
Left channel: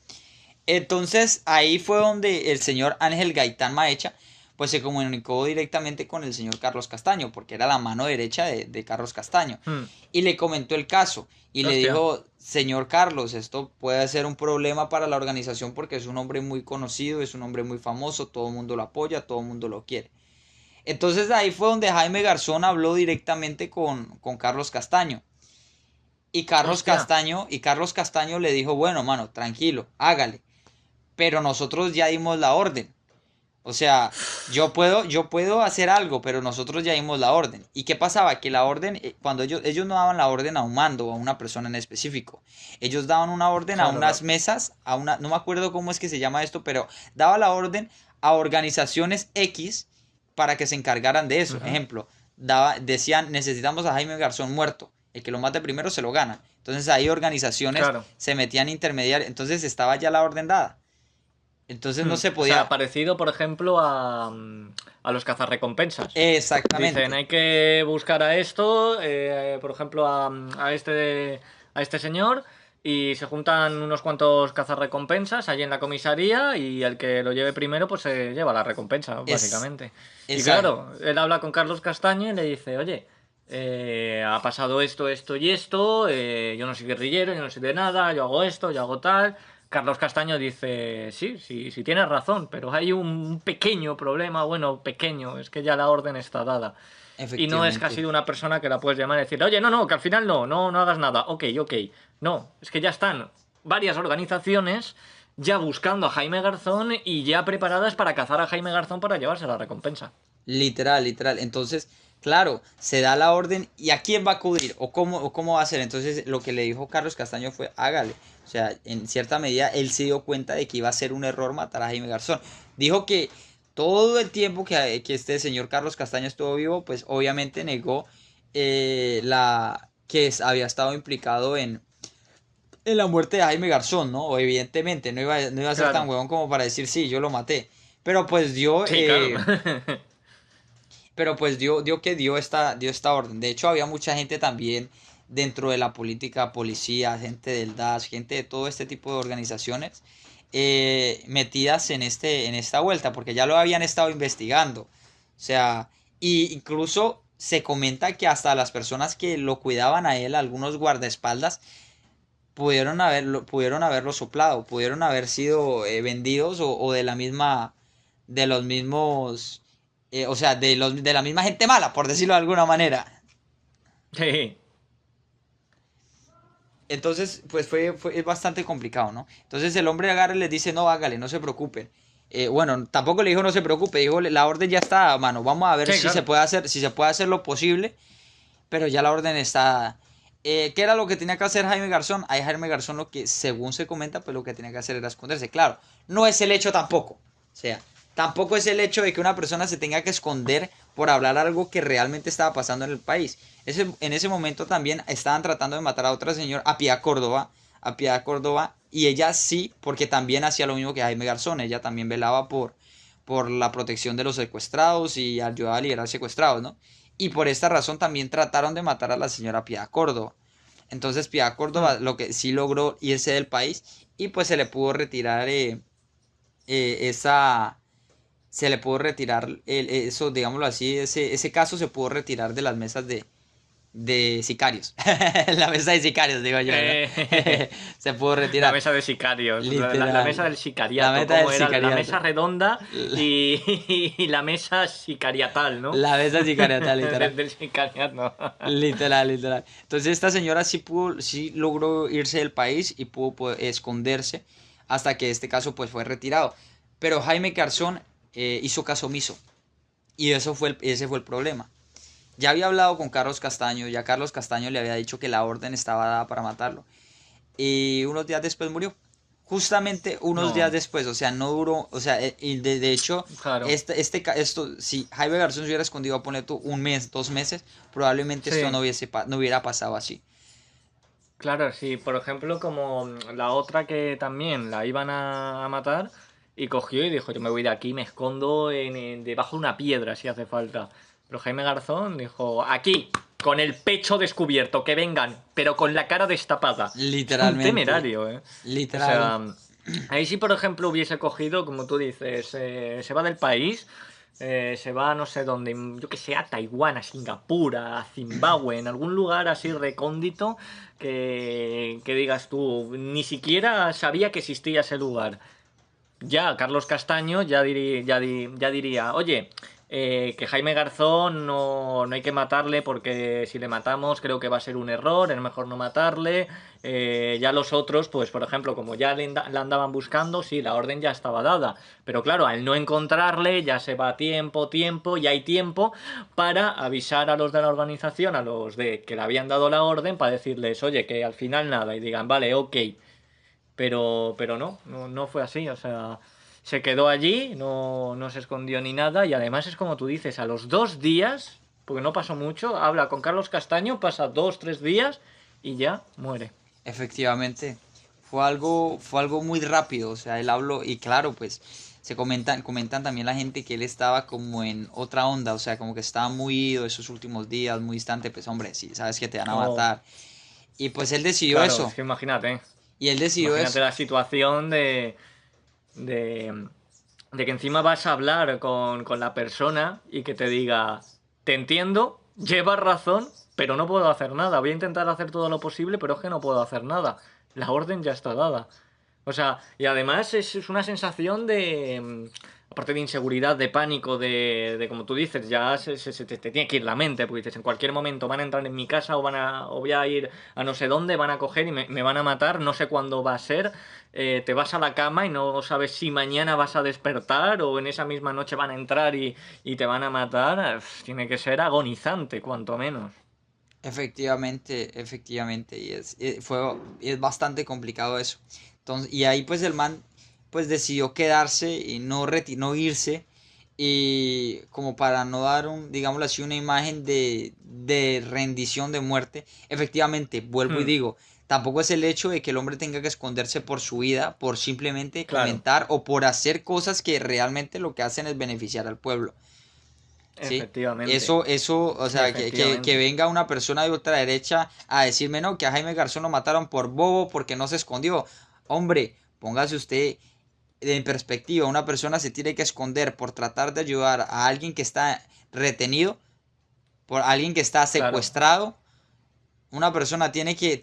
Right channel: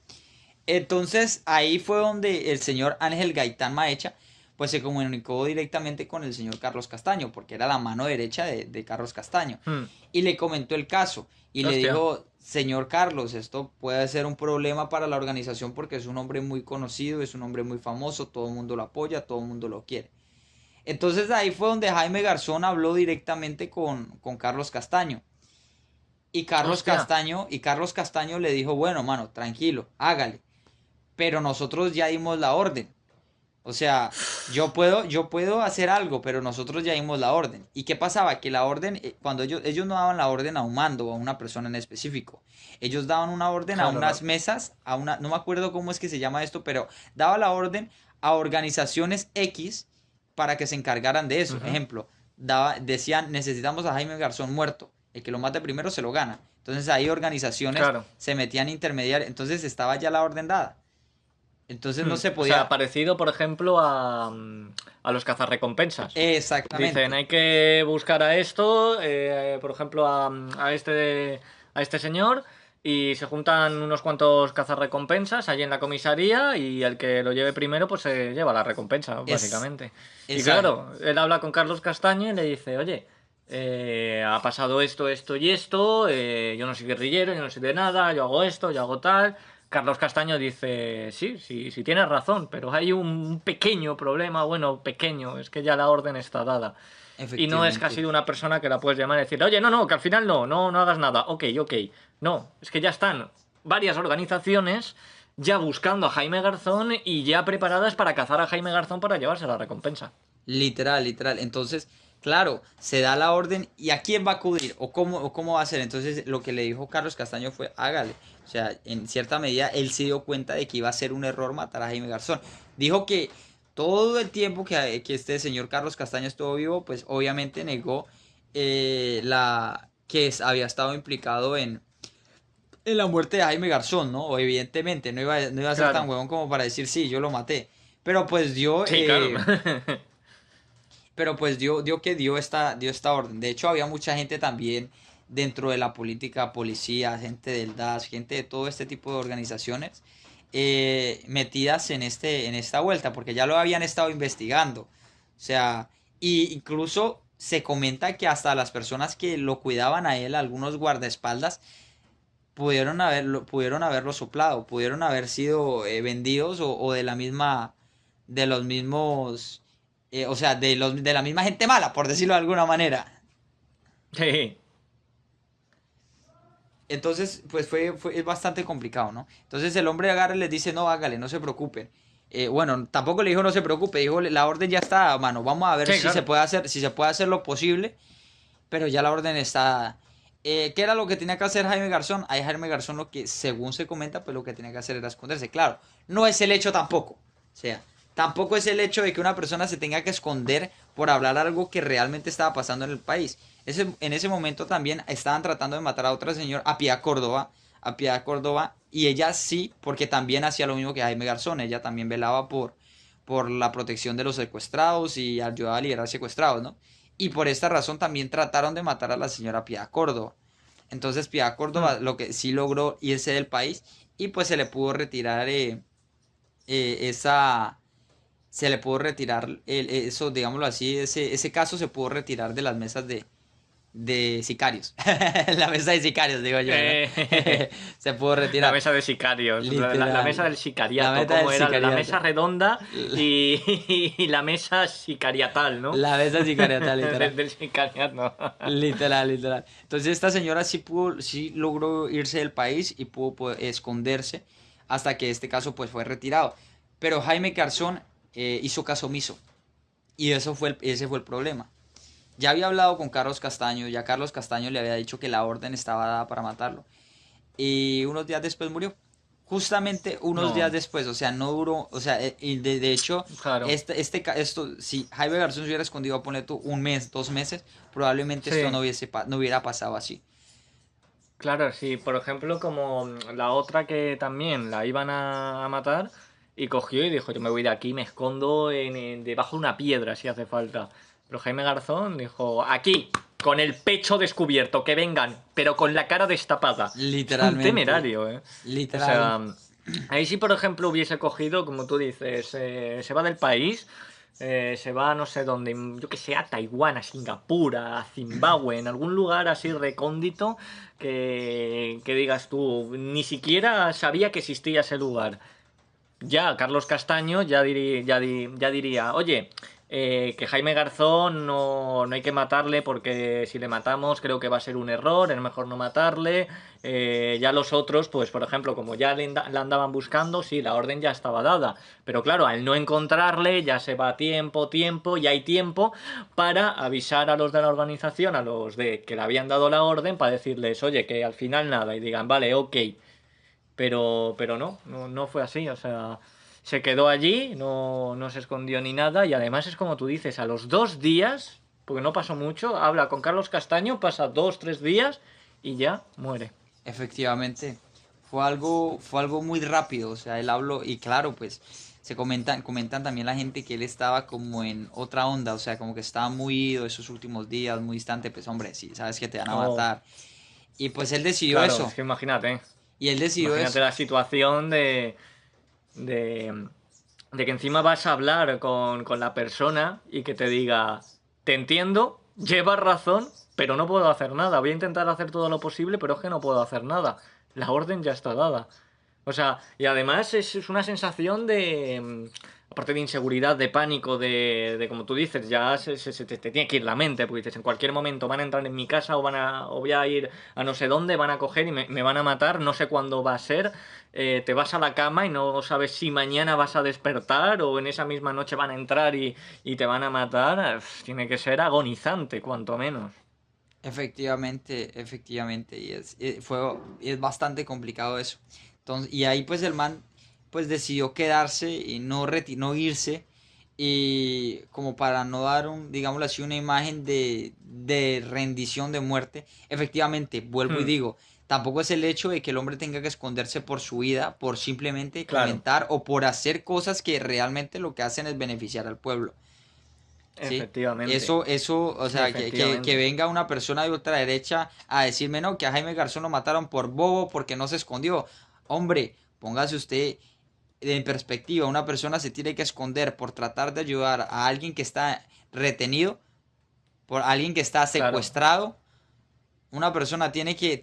Entonces ahí fue donde el señor Ángel Gaitán Maecha pues se comunicó directamente con el señor Carlos Castaño, porque era la mano derecha de Carlos Castaño, Hmm. y le comentó el caso y le Hostia. dijo, señor Carlos, esto puede ser un problema para la organización porque es un hombre muy conocido, es un hombre muy famoso, todo el mundo lo apoya, todo el mundo lo quiere. Entonces ahí fue donde Jaime Garzón habló directamente con Carlos Castaño. Hostia. Y Carlos Castaño le dijo, bueno, mano, tranquilo, hágale. Pero nosotros ya dimos la orden. O sea, yo puedo hacer algo, pero nosotros ya dimos la orden. ¿Y qué pasaba? Que la orden, cuando ellos no daban la orden a un mando o a una persona en específico. Ellos daban una orden a Claro, unas no. mesas, no me acuerdo cómo es que se llama esto, pero daba la orden a organizaciones X para que se encargaran de eso. Ujú. Ejemplo, decían, necesitamos a Jaime Garzón muerto. El que lo mate primero se lo gana. Entonces ahí organizaciones Claro. se metían intermediarios. Entonces estaba ya la orden dada. Entonces no se O sea, podía. parecido, por ejemplo, a los cazarrecompensas. Dicen, Exactamente. hay que buscar a esto, por ejemplo, a este señor, y se juntan unos cuantos cazarrecompensas allí en la comisaría, y el que lo lleve primero, pues se lleva la recompensa, Es, básicamente. Y esa, claro, él habla con Carlos Castaño y le dice, oye, ha pasado esto, esto y esto, yo no soy guerrillero, yo no soy de nada, yo hago esto, yo hago tal. Carlos Castaño dice, sí, sí, sí tienes razón, pero hay un pequeño problema, bueno, pequeño, es que ya la orden está dada. Y no es que ha efectivamente. sido una persona que la puedes llamar y decir, oye, no, no, que al final no, no, no hagas nada, ok, ok. No, es que ya están varias organizaciones ya buscando a Jaime Garzón y ya preparadas para cazar a Jaime Garzón para llevarse la recompensa. Literal, literal. Entonces, claro, se da la orden y a quién va a acudir o cómo va a ser. Entonces, lo que le dijo Carlos Castaño fue, hágale. O sea, en cierta medida, él se dio cuenta de que iba a ser un error matar a Jaime Garzón. Dijo que todo el tiempo que este señor Carlos Castaño estuvo vivo, pues obviamente negó había estado implicado en la muerte de Jaime Garzón, ¿no? O evidentemente, no iba a ser tan Claro, huevón como para decir, sí, yo lo maté. Pero pues dio, sí, claro. dio esta orden. De hecho, había mucha gente también dentro de la política, policía, gente del DAS, gente de todo este tipo de organizaciones metidas en esta vuelta, porque ya lo habían estado investigando. O sea, y incluso se comenta que hasta las personas que lo cuidaban a él, algunos guardaespaldas, pudieron haberlo soplado, pudieron haber sido vendidos o de la misma, de los mismos, o sea, de la misma gente mala, por decirlo de alguna manera. Sí, Entonces, pues es bastante complicado, ¿no? Entonces el hombre agarra y les dice, no, hágale, no se preocupen. Bueno, tampoco le dijo no se preocupe, dijo la orden ya está, mano, vamos a ver sí, si se claro. puede hacer, si se puede hacer lo posible, pero ya la orden está dada. ¿Qué era lo que tenía que hacer Jaime Garzón? Ahí Jaime Garzón lo que, según se comenta, pues lo que tenía que hacer era esconderse. Claro, no es el hecho tampoco. O sea, tampoco es el hecho de que una persona se tenga que esconder por hablar algo que realmente estaba pasando en el país. En ese momento también estaban tratando de matar a otra señora, a Piedad Córdoba, y ella sí, porque también hacía lo mismo que Jaime Garzón. Ella también velaba por la protección de los secuestrados y ayudaba a liberar secuestrados, ¿no? Y por esta razón también trataron de matar a la señora Piedad Córdoba. Entonces Piedad Hmm. Córdoba lo que sí logró irse del país y pues se le pudo retirar esa... Se le pudo retirar eso, digámoslo así, ese caso se pudo retirar de las mesas de sicarios. La mesa de sicarios, digo yo, ¿verdad? Eh, Se pudo la retirar. mesa de sicarios, la mesa Literal. del La sicariato, meta del como era la sicariato. mesa redonda y, y la mesa sicariatal, ¿no? La mesa sicariatal, literal. Del sicariato. Literal, literal. Entonces esta señora sí logró irse del país y pudo pues, esconderse hasta que este caso pues fue retirado. Pero Jaime Garzón hizo caso omiso y ese fue el problema. Ya había hablado con Carlos Castaño, ya Carlos Castaño le había dicho que la orden estaba dada para matarlo. Y unos días después murió. Justamente unos días No, después, o sea, no duró, o sea, y de hecho, claro. si Jaime Garzón se hubiera escondido, ponle tú, un mes, 2 meses, probablemente esto Sí, no hubiera pasado así. claro, sí. Por ejemplo, como la otra que también la iban a matar y cogió y dijo, yo me voy de aquí, me escondo debajo de una piedra si hace falta. Pero Jaime Garzón dijo, aquí, con el pecho descubierto, que vengan, pero con la cara destapada. Es un Literalmente, temerario, ¿eh? O literal, sea, ahí sí, por ejemplo, hubiese cogido, como tú dices, se va del país, se va no sé dónde, yo que sé, a Taiwán, a Singapur, a Zimbabue, en algún lugar así recóndito que digas tú, ni siquiera sabía que existía ese lugar. Ya, Carlos Castaño ya diría, oye, que Jaime Garzón no hay que matarle porque si le matamos creo que va a ser un error, es mejor no matarle. Ya los otros, pues por ejemplo, como ya la andaban buscando, sí, la orden ya estaba dada. Pero claro, al no encontrarle ya se va tiempo, y hay tiempo para avisar a los de la organización, a los de que le habían dado la orden, para decirles, oye, que al final nada, y digan, vale, ok. Pero no fue así, o sea, se quedó allí, no se escondió ni nada y además es como tú dices, a los 2 días, porque no pasó mucho, habla con Carlos Castaño, pasa 2, 3 días y ya muere. efectivamente. Fue algo muy rápido, o sea, él habló y claro, pues comentan también la gente que él estaba como en otra onda, o sea, como que estaba muy ido esos últimos días, muy distante, pues hombre, sí, sabes que te van a Oh, matar. Y pues él decidió claro, es eso, que imagínate, y él decidió imagínate eso. la situación de, de que encima vas a hablar con la persona y que te diga, te entiendo, llevas razón, pero no puedo hacer nada. Voy a intentar hacer todo lo posible, pero es que no puedo hacer nada. La orden ya está dada. O sea, y además es una sensación de, aparte de inseguridad, de pánico, de como tú dices, ya te tiene que ir la mente, porque dices, en cualquier momento van a entrar en mi casa o voy a ir a no sé dónde, van a coger y me van a matar, no sé cuándo va a ser, te vas a la cama y no sabes si mañana vas a despertar o en esa misma noche van a entrar y te van a matar, tiene que ser agonizante, cuanto menos. Efectivamente, efectivamente, y es bastante complicado eso. Entonces, y ahí pues el man pues decidió quedarse y no irse, y como para no dar digámoslo así, una imagen de rendición, de muerte. Efectivamente, vuelvo y Hmm, digo, tampoco es el hecho de que el hombre tenga que esconderse por su vida, por simplemente claro, comentar o por hacer cosas que realmente lo que hacen es beneficiar al pueblo. ¿Sí? efectivamente, Eso, o sea, que efectivamente. venga una persona de ultraderecha a decirme, no, que a Jaime Garzón lo mataron por bobo, porque no se escondió. Hombre, póngase usted en perspectiva, una persona se tiene que esconder por tratar de ayudar a alguien que está retenido, por alguien que está Claro, secuestrado. Una persona tiene que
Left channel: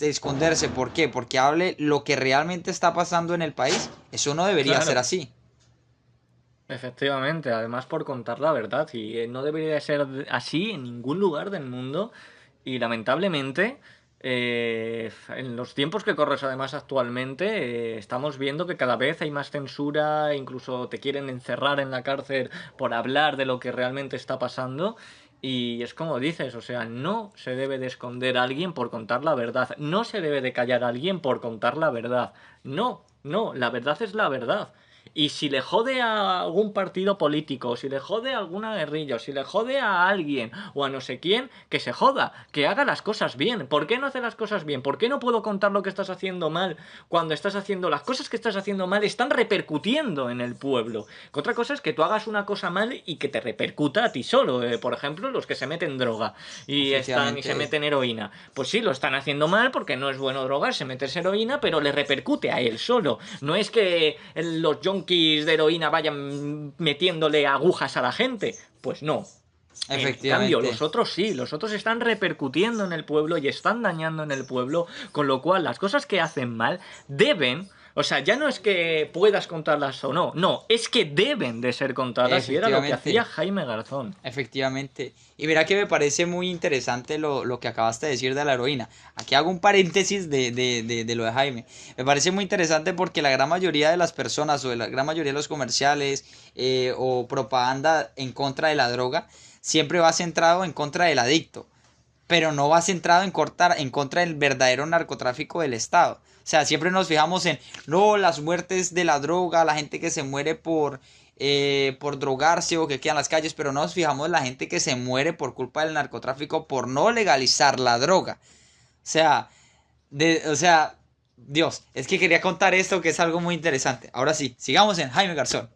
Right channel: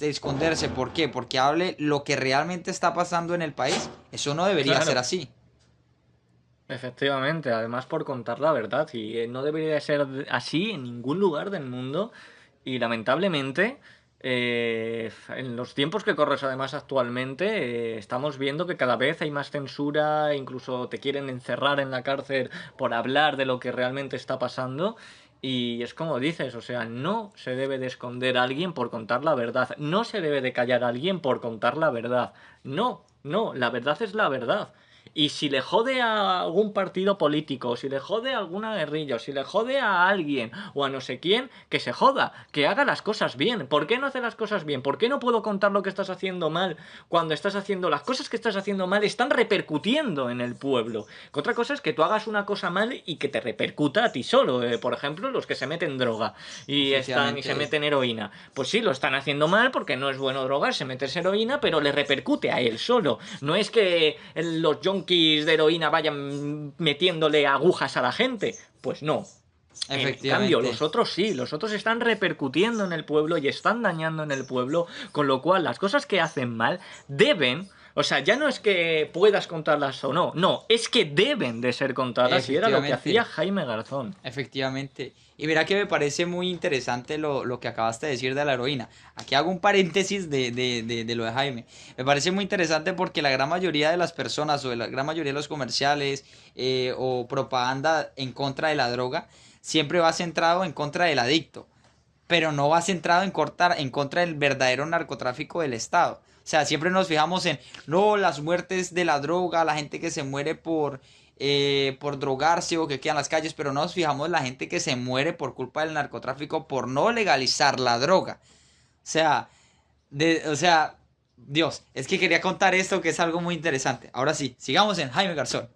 esconderse. ¿Por qué? Porque hable lo que realmente está pasando en el país. Eso no debería ser claro. así. Efectivamente, además por contar la verdad, y no debería de ser así en ningún lugar del mundo, y lamentablemente, en los tiempos que corres además actualmente, estamos viendo que cada vez hay más censura, incluso te quieren encerrar en la cárcel por hablar de lo que realmente está pasando, y es como dices, o sea, no se debe de esconder a alguien por contar la verdad, no se debe de callar a alguien por contar la verdad, no, no, la verdad es la verdad. Y si le jode a algún partido político, si le jode a alguna guerrilla, o si le jode a alguien o a no sé quién, que se joda, que haga las cosas bien. ¿Por qué no hace las cosas bien? ¿Por qué no puedo contar lo que estás haciendo mal cuando estás haciendo las cosas que estás haciendo mal están repercutiendo en el pueblo? Que otra cosa es que tú hagas una cosa mal y que te repercuta a ti solo. Por ejemplo, los que se meten droga y se Efectivamente. meten heroína. Pues sí, lo están haciendo mal porque no es bueno drogarse, meterse heroína, pero le repercute a él solo. No es que los junkies de heroína vayan metiéndole agujas a la gente. Pues no. En cambio, Efectivamente. los otros sí, los otros están repercutiendo en el pueblo y están dañando en el pueblo, con lo cual las cosas que hacen mal deben, o sea, ya no es que puedas contarlas o no, no, es que deben de ser contadas y era lo que hacía Efectivamente. Jaime Garzón. Efectivamente. Y mira que me parece muy interesante lo que acabaste de decir de la heroína. Aquí hago un paréntesis de lo de Jaime. Me parece muy interesante porque la gran mayoría de las personas o de la gran mayoría de los comerciales o propaganda en contra de la droga siempre va centrado en contra del adicto, pero no va centrado en contra del verdadero narcotráfico del Estado. O sea, siempre nos fijamos en, no, las muertes de la droga, la gente que se muere por drogarse o que queda en las calles, pero no nos fijamos en la gente que se muere por culpa del narcotráfico por no legalizar la droga. O sea, o sea, Dios, es que quería contar esto que es algo muy interesante. Ahora sí, sigamos en Jaime Garzón.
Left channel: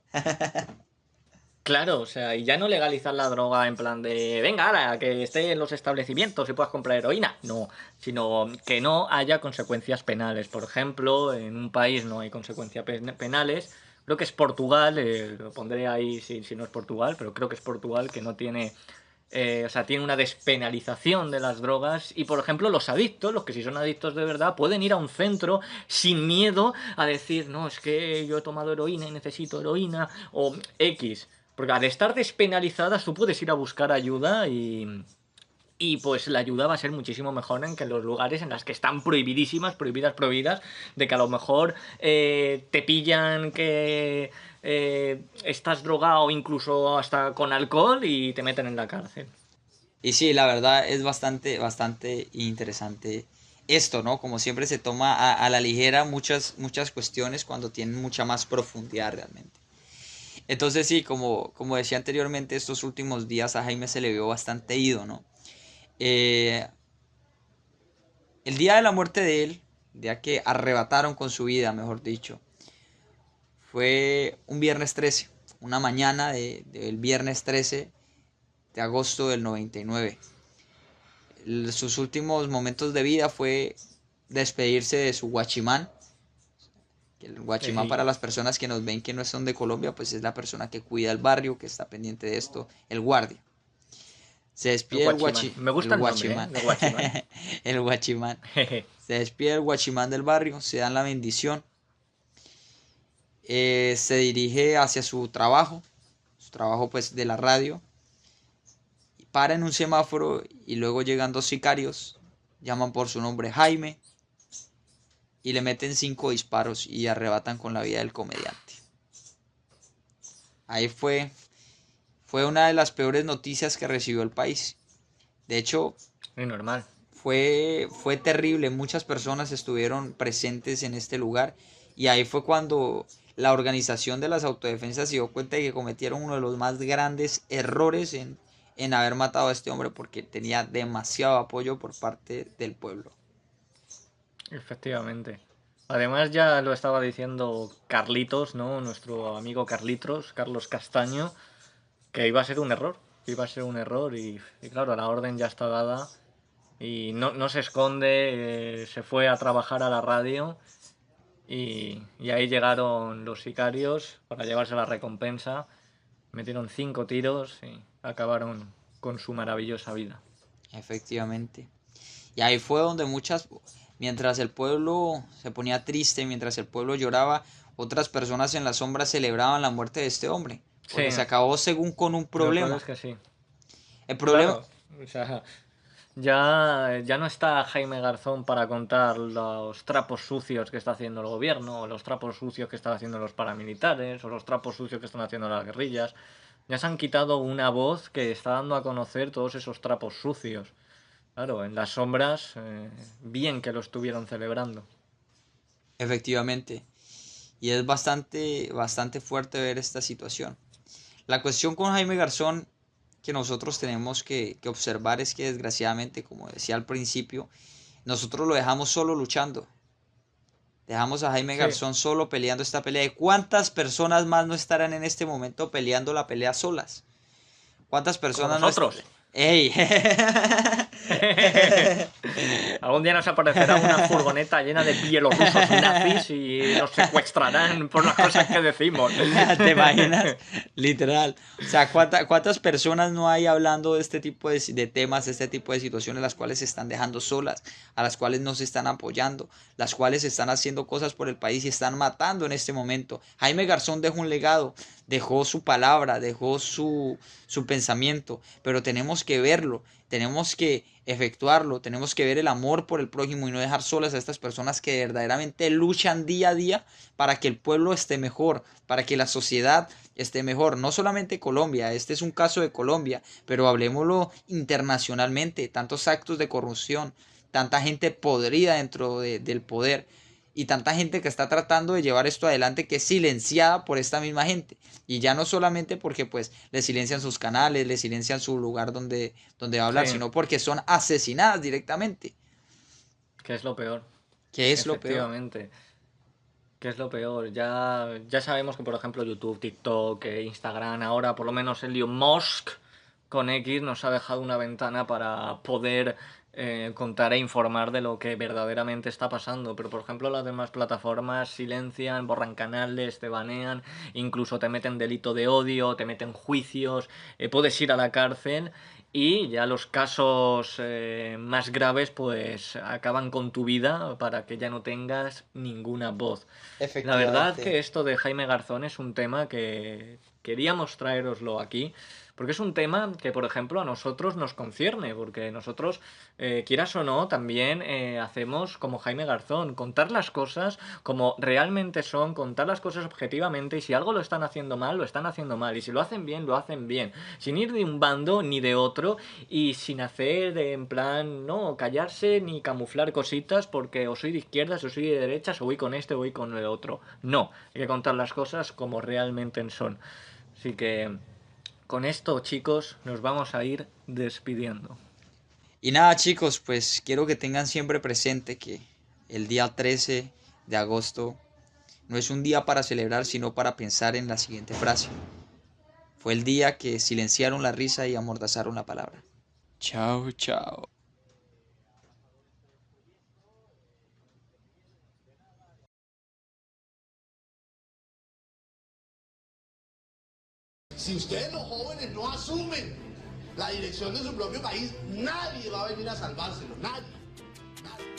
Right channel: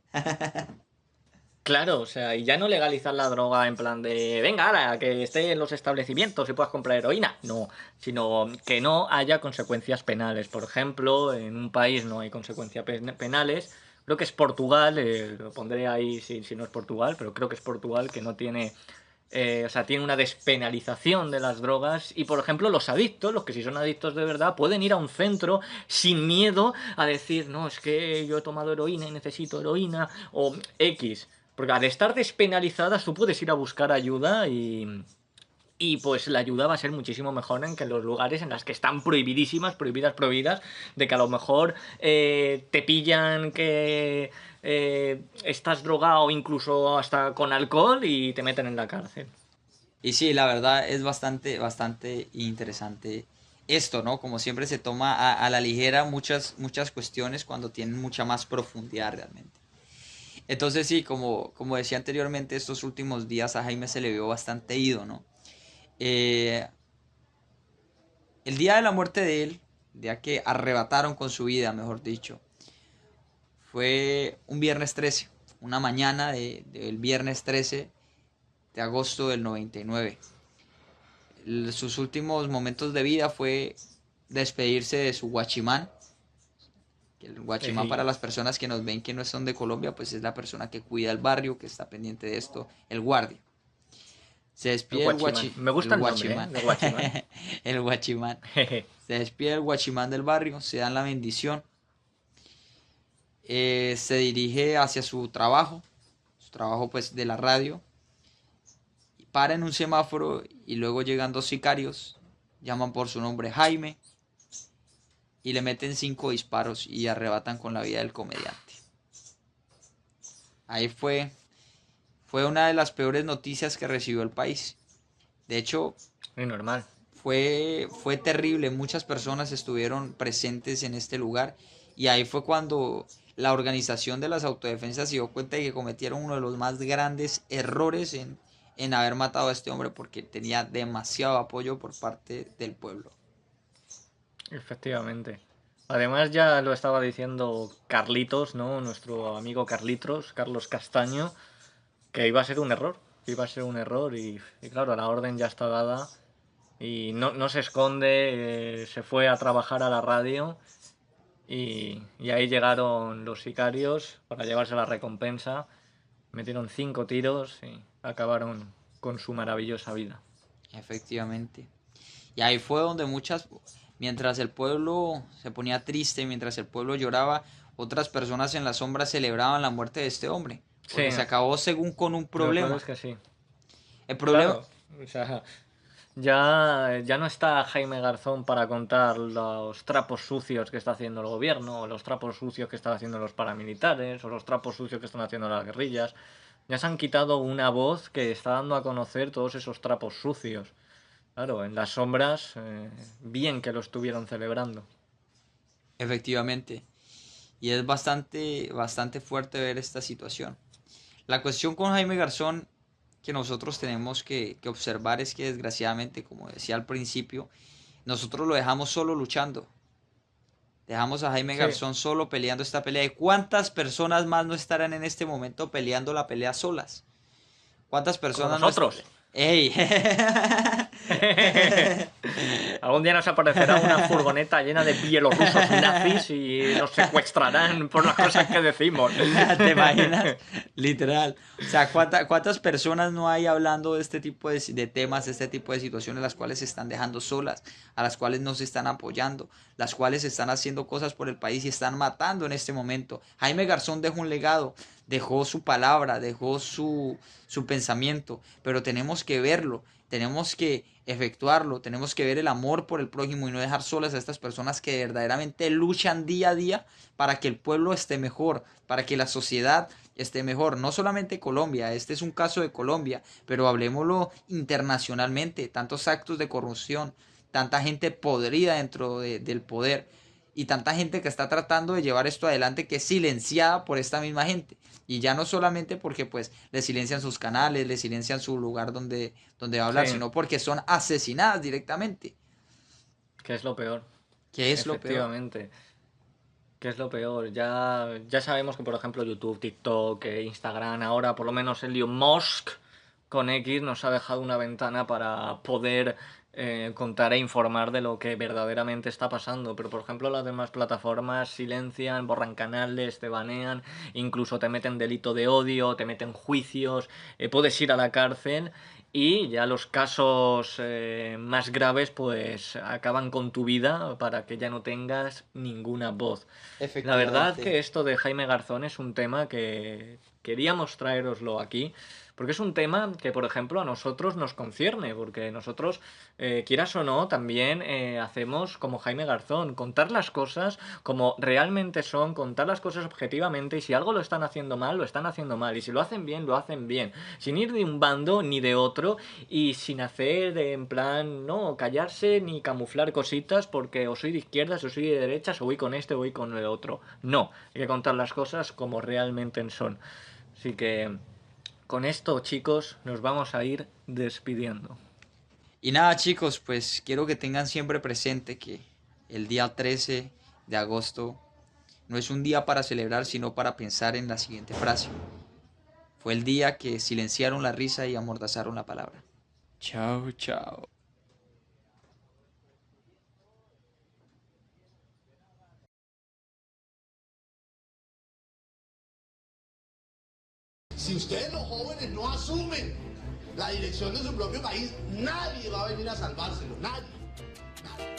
Claro, o sea, y ya no legalizar la droga en plan de, venga, ahora, que esté en los establecimientos y puedas comprar heroína. No, sino que no haya consecuencias penales. Por ejemplo, en un país no hay consecuencias penales. Creo que es Portugal, lo pondré ahí si no es Portugal, pero creo que es Portugal que no tiene, o sea, tiene una despenalización de las drogas y, por ejemplo, los adictos, los que sí son adictos de verdad, pueden ir a un centro sin miedo a decir, no, es que yo he tomado heroína y necesito heroína o X. Porque al estar despenalizadas tú puedes ir a buscar ayuda y pues la ayuda va a ser muchísimo mejor en que en los lugares en las que están prohibidísimas, prohibidas, prohibidas, de que a lo mejor te pillan que estás drogado incluso hasta con alcohol y te meten en la cárcel. Y sí, la verdad es bastante, bastante interesante esto, ¿no? Como siempre se toma a la ligera muchas cuestiones cuando tienen mucha más profundidad realmente. Entonces sí, como decía anteriormente, estos últimos días a Jaime se le vio bastante ido, ¿no? Eh, el día de la muerte de él, el día que arrebataron con su vida, mejor dicho, fue un viernes 13, una mañana del viernes 13 de agosto del 99. Sus últimos momentos de vida fue despedirse de su guachimán. El guachimán, para Y las personas que nos ven que no son de Colombia, pues es la persona que cuida el barrio, que está pendiente de esto, el guardia. Se el despide guachimán. Me el gusta el nombre, ¿eh? guachimán, De guachimán. el guachimán. Se despide el guachimán del barrio, se dan la bendición. se dirige hacia su trabajo pues de la radio, para en un semáforo y luego llegan dos sicarios, llaman por su nombre Jaime y le meten 5 disparos y arrebatan con la vida del comediante. Ahí fue una de las peores noticias que recibió el país. De hecho, Es normal. fue terrible, muchas personas estuvieron presentes en este lugar y ahí fue cuando la organización de las autodefensas se dio cuenta de que cometieron uno de los más grandes errores en haber matado a este hombre porque tenía demasiado apoyo por parte del pueblo. Efectivamente. Además ya lo estaba diciendo Carlitos, ¿no? Nuestro amigo Carlitos, Carlos Castaño, que iba a ser un error. Iba a ser un error y claro, la orden ya está dada y no se esconde, se fue a trabajar a la radio y ahí llegaron los sicarios para llevarse la recompensa, metieron 5 tiros y acabaron con su maravillosa vida. Efectivamente. Y ahí fue donde mientras el pueblo se ponía triste, mientras el pueblo lloraba, otras personas en la sombra celebraban la muerte de este hombre, Sí, porque se acabó según con un lo peor problema. es que sí. El problema, Claro, o sea, ya no está Jaime Garzón para contar los trapos sucios que está haciendo el gobierno, o los trapos sucios que están haciendo los paramilitares, o los trapos sucios que están haciendo las guerrillas. Ya se han quitado una voz que está dando a conocer todos esos trapos sucios. Claro, en las sombras, bien que lo estuvieron celebrando. efectivamente, y es bastante fuerte ver esta situación. La cuestión con Jaime Garzón que nosotros tenemos que observar es que desgraciadamente, como decía al principio, nosotros lo dejamos solo luchando. Dejamos a Jaime Sí, Garzón solo peleando esta pelea. ¿Y cuántas personas más no estarán en este momento peleando la pelea solas? ¿Cuántas como personas no estarán? nosotros. ¡Ey! Algún día nos aparecerá una furgoneta llena de bielorrusos nazis y nos secuestrarán por las cosas que decimos. ¿Te imaginas? Literal. O sea, ¿cuántas personas no hay hablando de este tipo de temas, de este tipo de situaciones, las cuales se están dejando solas, a las cuales no se están apoyando, las cuales están haciendo cosas por el país y están matando en este momento? Jaime Garzón dejó un legado, dejó su palabra, dejó su pensamiento, pero tenemos que verlo, tenemos que efectuarlo, tenemos que ver el amor por el prójimo y no dejar solas a estas personas que verdaderamente luchan día a día para que el pueblo esté mejor, para que la sociedad esté mejor. No solamente Colombia, este es un caso de Colombia, pero hablemoslo internacionalmente, tantos actos de corrupción, tanta gente podrida del poder y tanta gente que está tratando de llevar esto adelante que es silenciada por esta misma gente. Y ya no solamente porque pues le silencian sus canales, le silencian su lugar donde va a Sí, hablar, sino porque son asesinadas directamente. que es lo peor. ¿Qué es lo peor? Efectivamente. ¿Qué es lo peor? Ya sabemos que, por ejemplo, YouTube, TikTok, Instagram, ahora por lo menos Elon Musk con X nos ha dejado una ventana para poder contar e informar de lo que verdaderamente está pasando. Pero, por ejemplo, las demás plataformas silencian, borran canales, te banean, incluso te meten delito de odio, te meten juicios, puedes ir a la cárcel. Y ya los casos más graves pues acaban con tu vida para que ya no tengas ninguna voz. La verdad Efectivamente. que esto de Jaime Garzón es un tema que queríamos traeroslo aquí, porque es un tema que, por ejemplo, a nosotros nos concierne, porque nosotros, quieras o no, también hacemos como Jaime Garzón, contar las cosas como realmente son, contar las cosas objetivamente, y si algo lo están haciendo mal, lo están haciendo mal, y si lo hacen bien, lo hacen bien, sin ir de un bando ni de otro, y sin hacer en plan, no, callarse ni camuflar cositas, porque o soy de izquierdas, o soy de derechas, o voy con este, o voy con el otro. No, hay que contar las cosas como realmente son. Así que con esto, chicos, nos vamos a ir despidiendo. Y nada, chicos, pues quiero que tengan siempre presente que el día 13 de agosto no es un día para celebrar, sino para pensar en la siguiente frase. Fue el día que silenciaron la risa y amordazaron la palabra. Chao, chao. Si ustedes los jóvenes no asumen la dirección de su propio país, nadie va a venir a salvárselo, nadie. Nadie.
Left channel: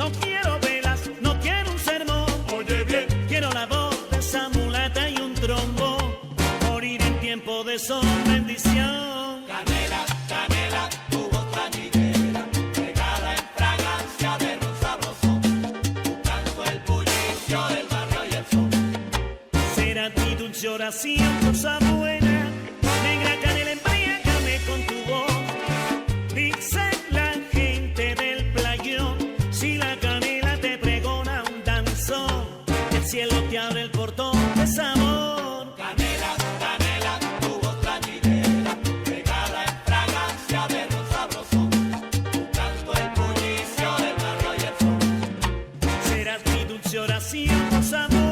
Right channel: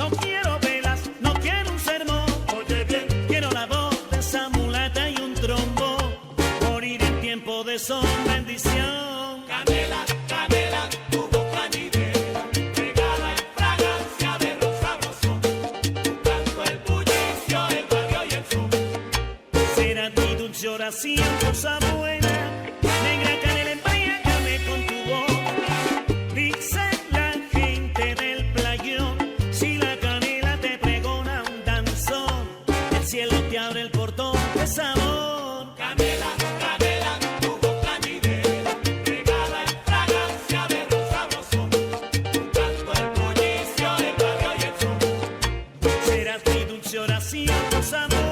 No quiero velas, no quiero un sermón. Oye bien, quiero la voz de esa mulata y un trombo. Morir en tiempo de sol, bendición. Canela, canela, tu voz plañidera, regada en fragancia de ron sabroso. Tu canto, el bullicio, el barrio y el sol. Será mi dulce oración, cosa buena. Negra canela, embriágame con tu voz. Dice la gente del playón, si la canela te pregona un danzón, el cielo te abre el portón de sabor. Canela, canela, tu voz plañidera, regada en fragancia de ron sabroso. Tu canto, el bullicio, el barrio y el sol. Serás mi dulce oración, cosa buena.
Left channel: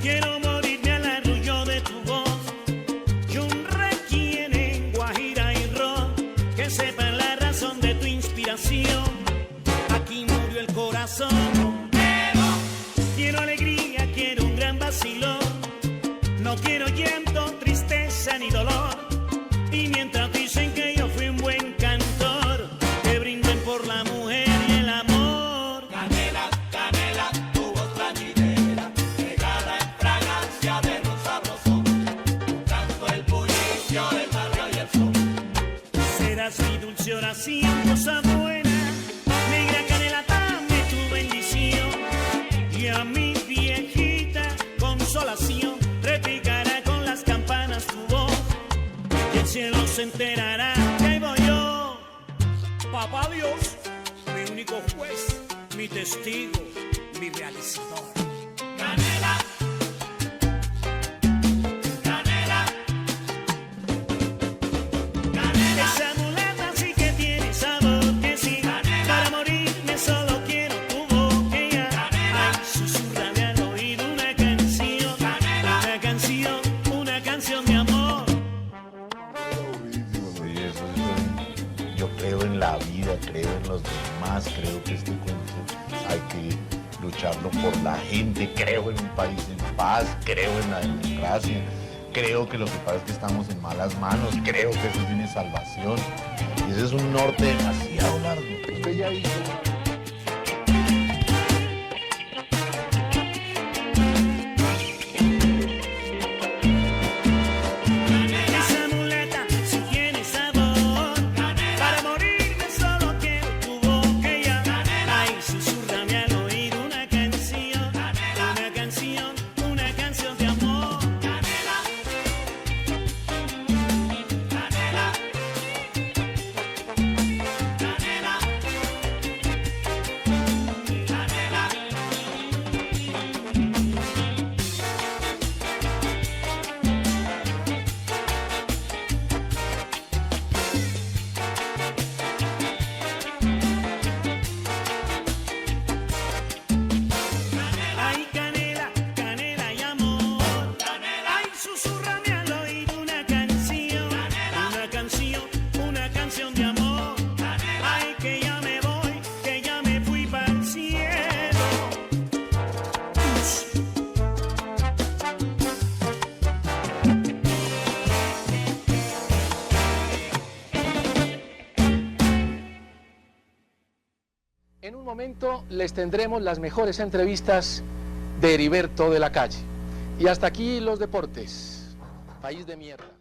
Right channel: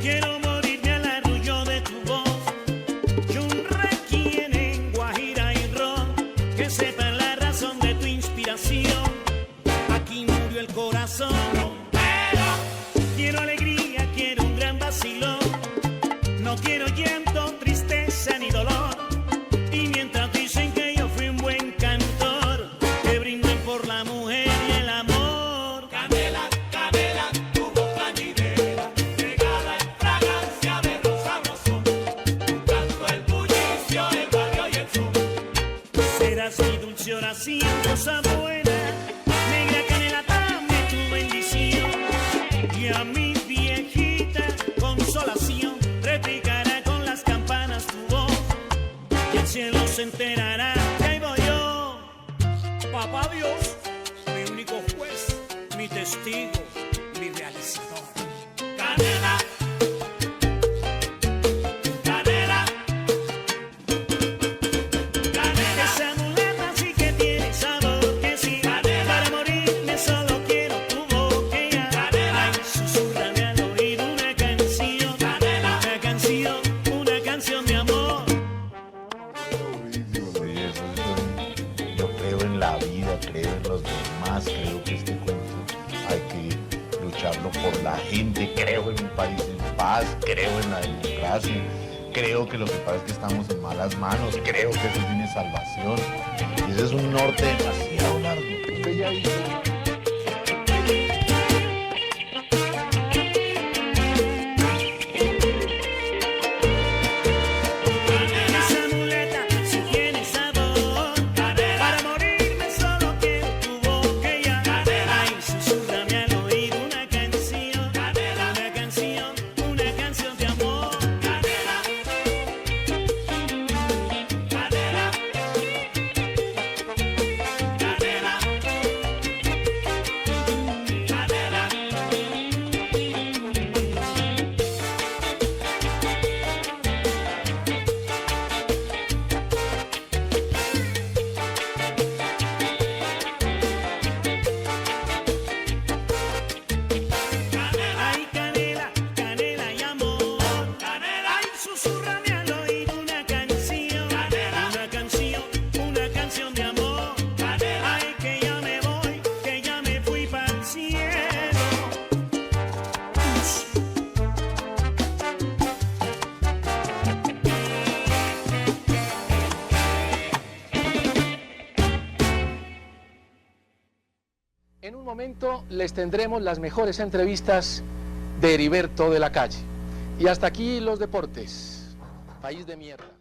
Quiero morirme al arrullo de tu voz y un requiem en guajira y ron, que sepan la razón de tu inspiración. Aquí murió el corazón. Quiero alegría, quiero un gran vacilón. No quiero llanto, tristeza ni dolor. Y mientras dicen que yo fui un buen cantor, que brinden por la mujer y el amor. Canela, canela, tu voz plañidera, regada en fragancia de ron sabroso. Tu canto, el bullicio, el barrio y el sol. Serás mi dulce oración, cosa buena. Negra canela, dame tu bendición. Y a mi viejita consolación repicará con las campanas tu voz. Y el cielo se enterará que ahí voy yo. Papá Dios, mi único juez, mi testigo, mi realizador. Canela, canela, canela. Esa mulata sí que tiene sabor, que sí. Para morirme solo quiero tu boquilla. Ay, susúrrame al oído una canción. Una canción de amor. Yo creo en la vida, creo en los demás, creo que este cuento hay que lucharlo por la gente, creo en un país en paz, creo en la democracia, creo que lo que pasa es que estamos en malas manos, creo que eso tiene salvación. Y ese es un norte demasiado largo. Usted ya hizo. Esa mulata sí tiene sabor. Para morirme solo quiero tu boquilla. Ay, susúrrame al oído una canción. Una canción de amor. Canela, canela, En un momento les tendremos las mejores entrevistas de Heriberto de la Calle. Y hasta aquí los deportes. País de mierda.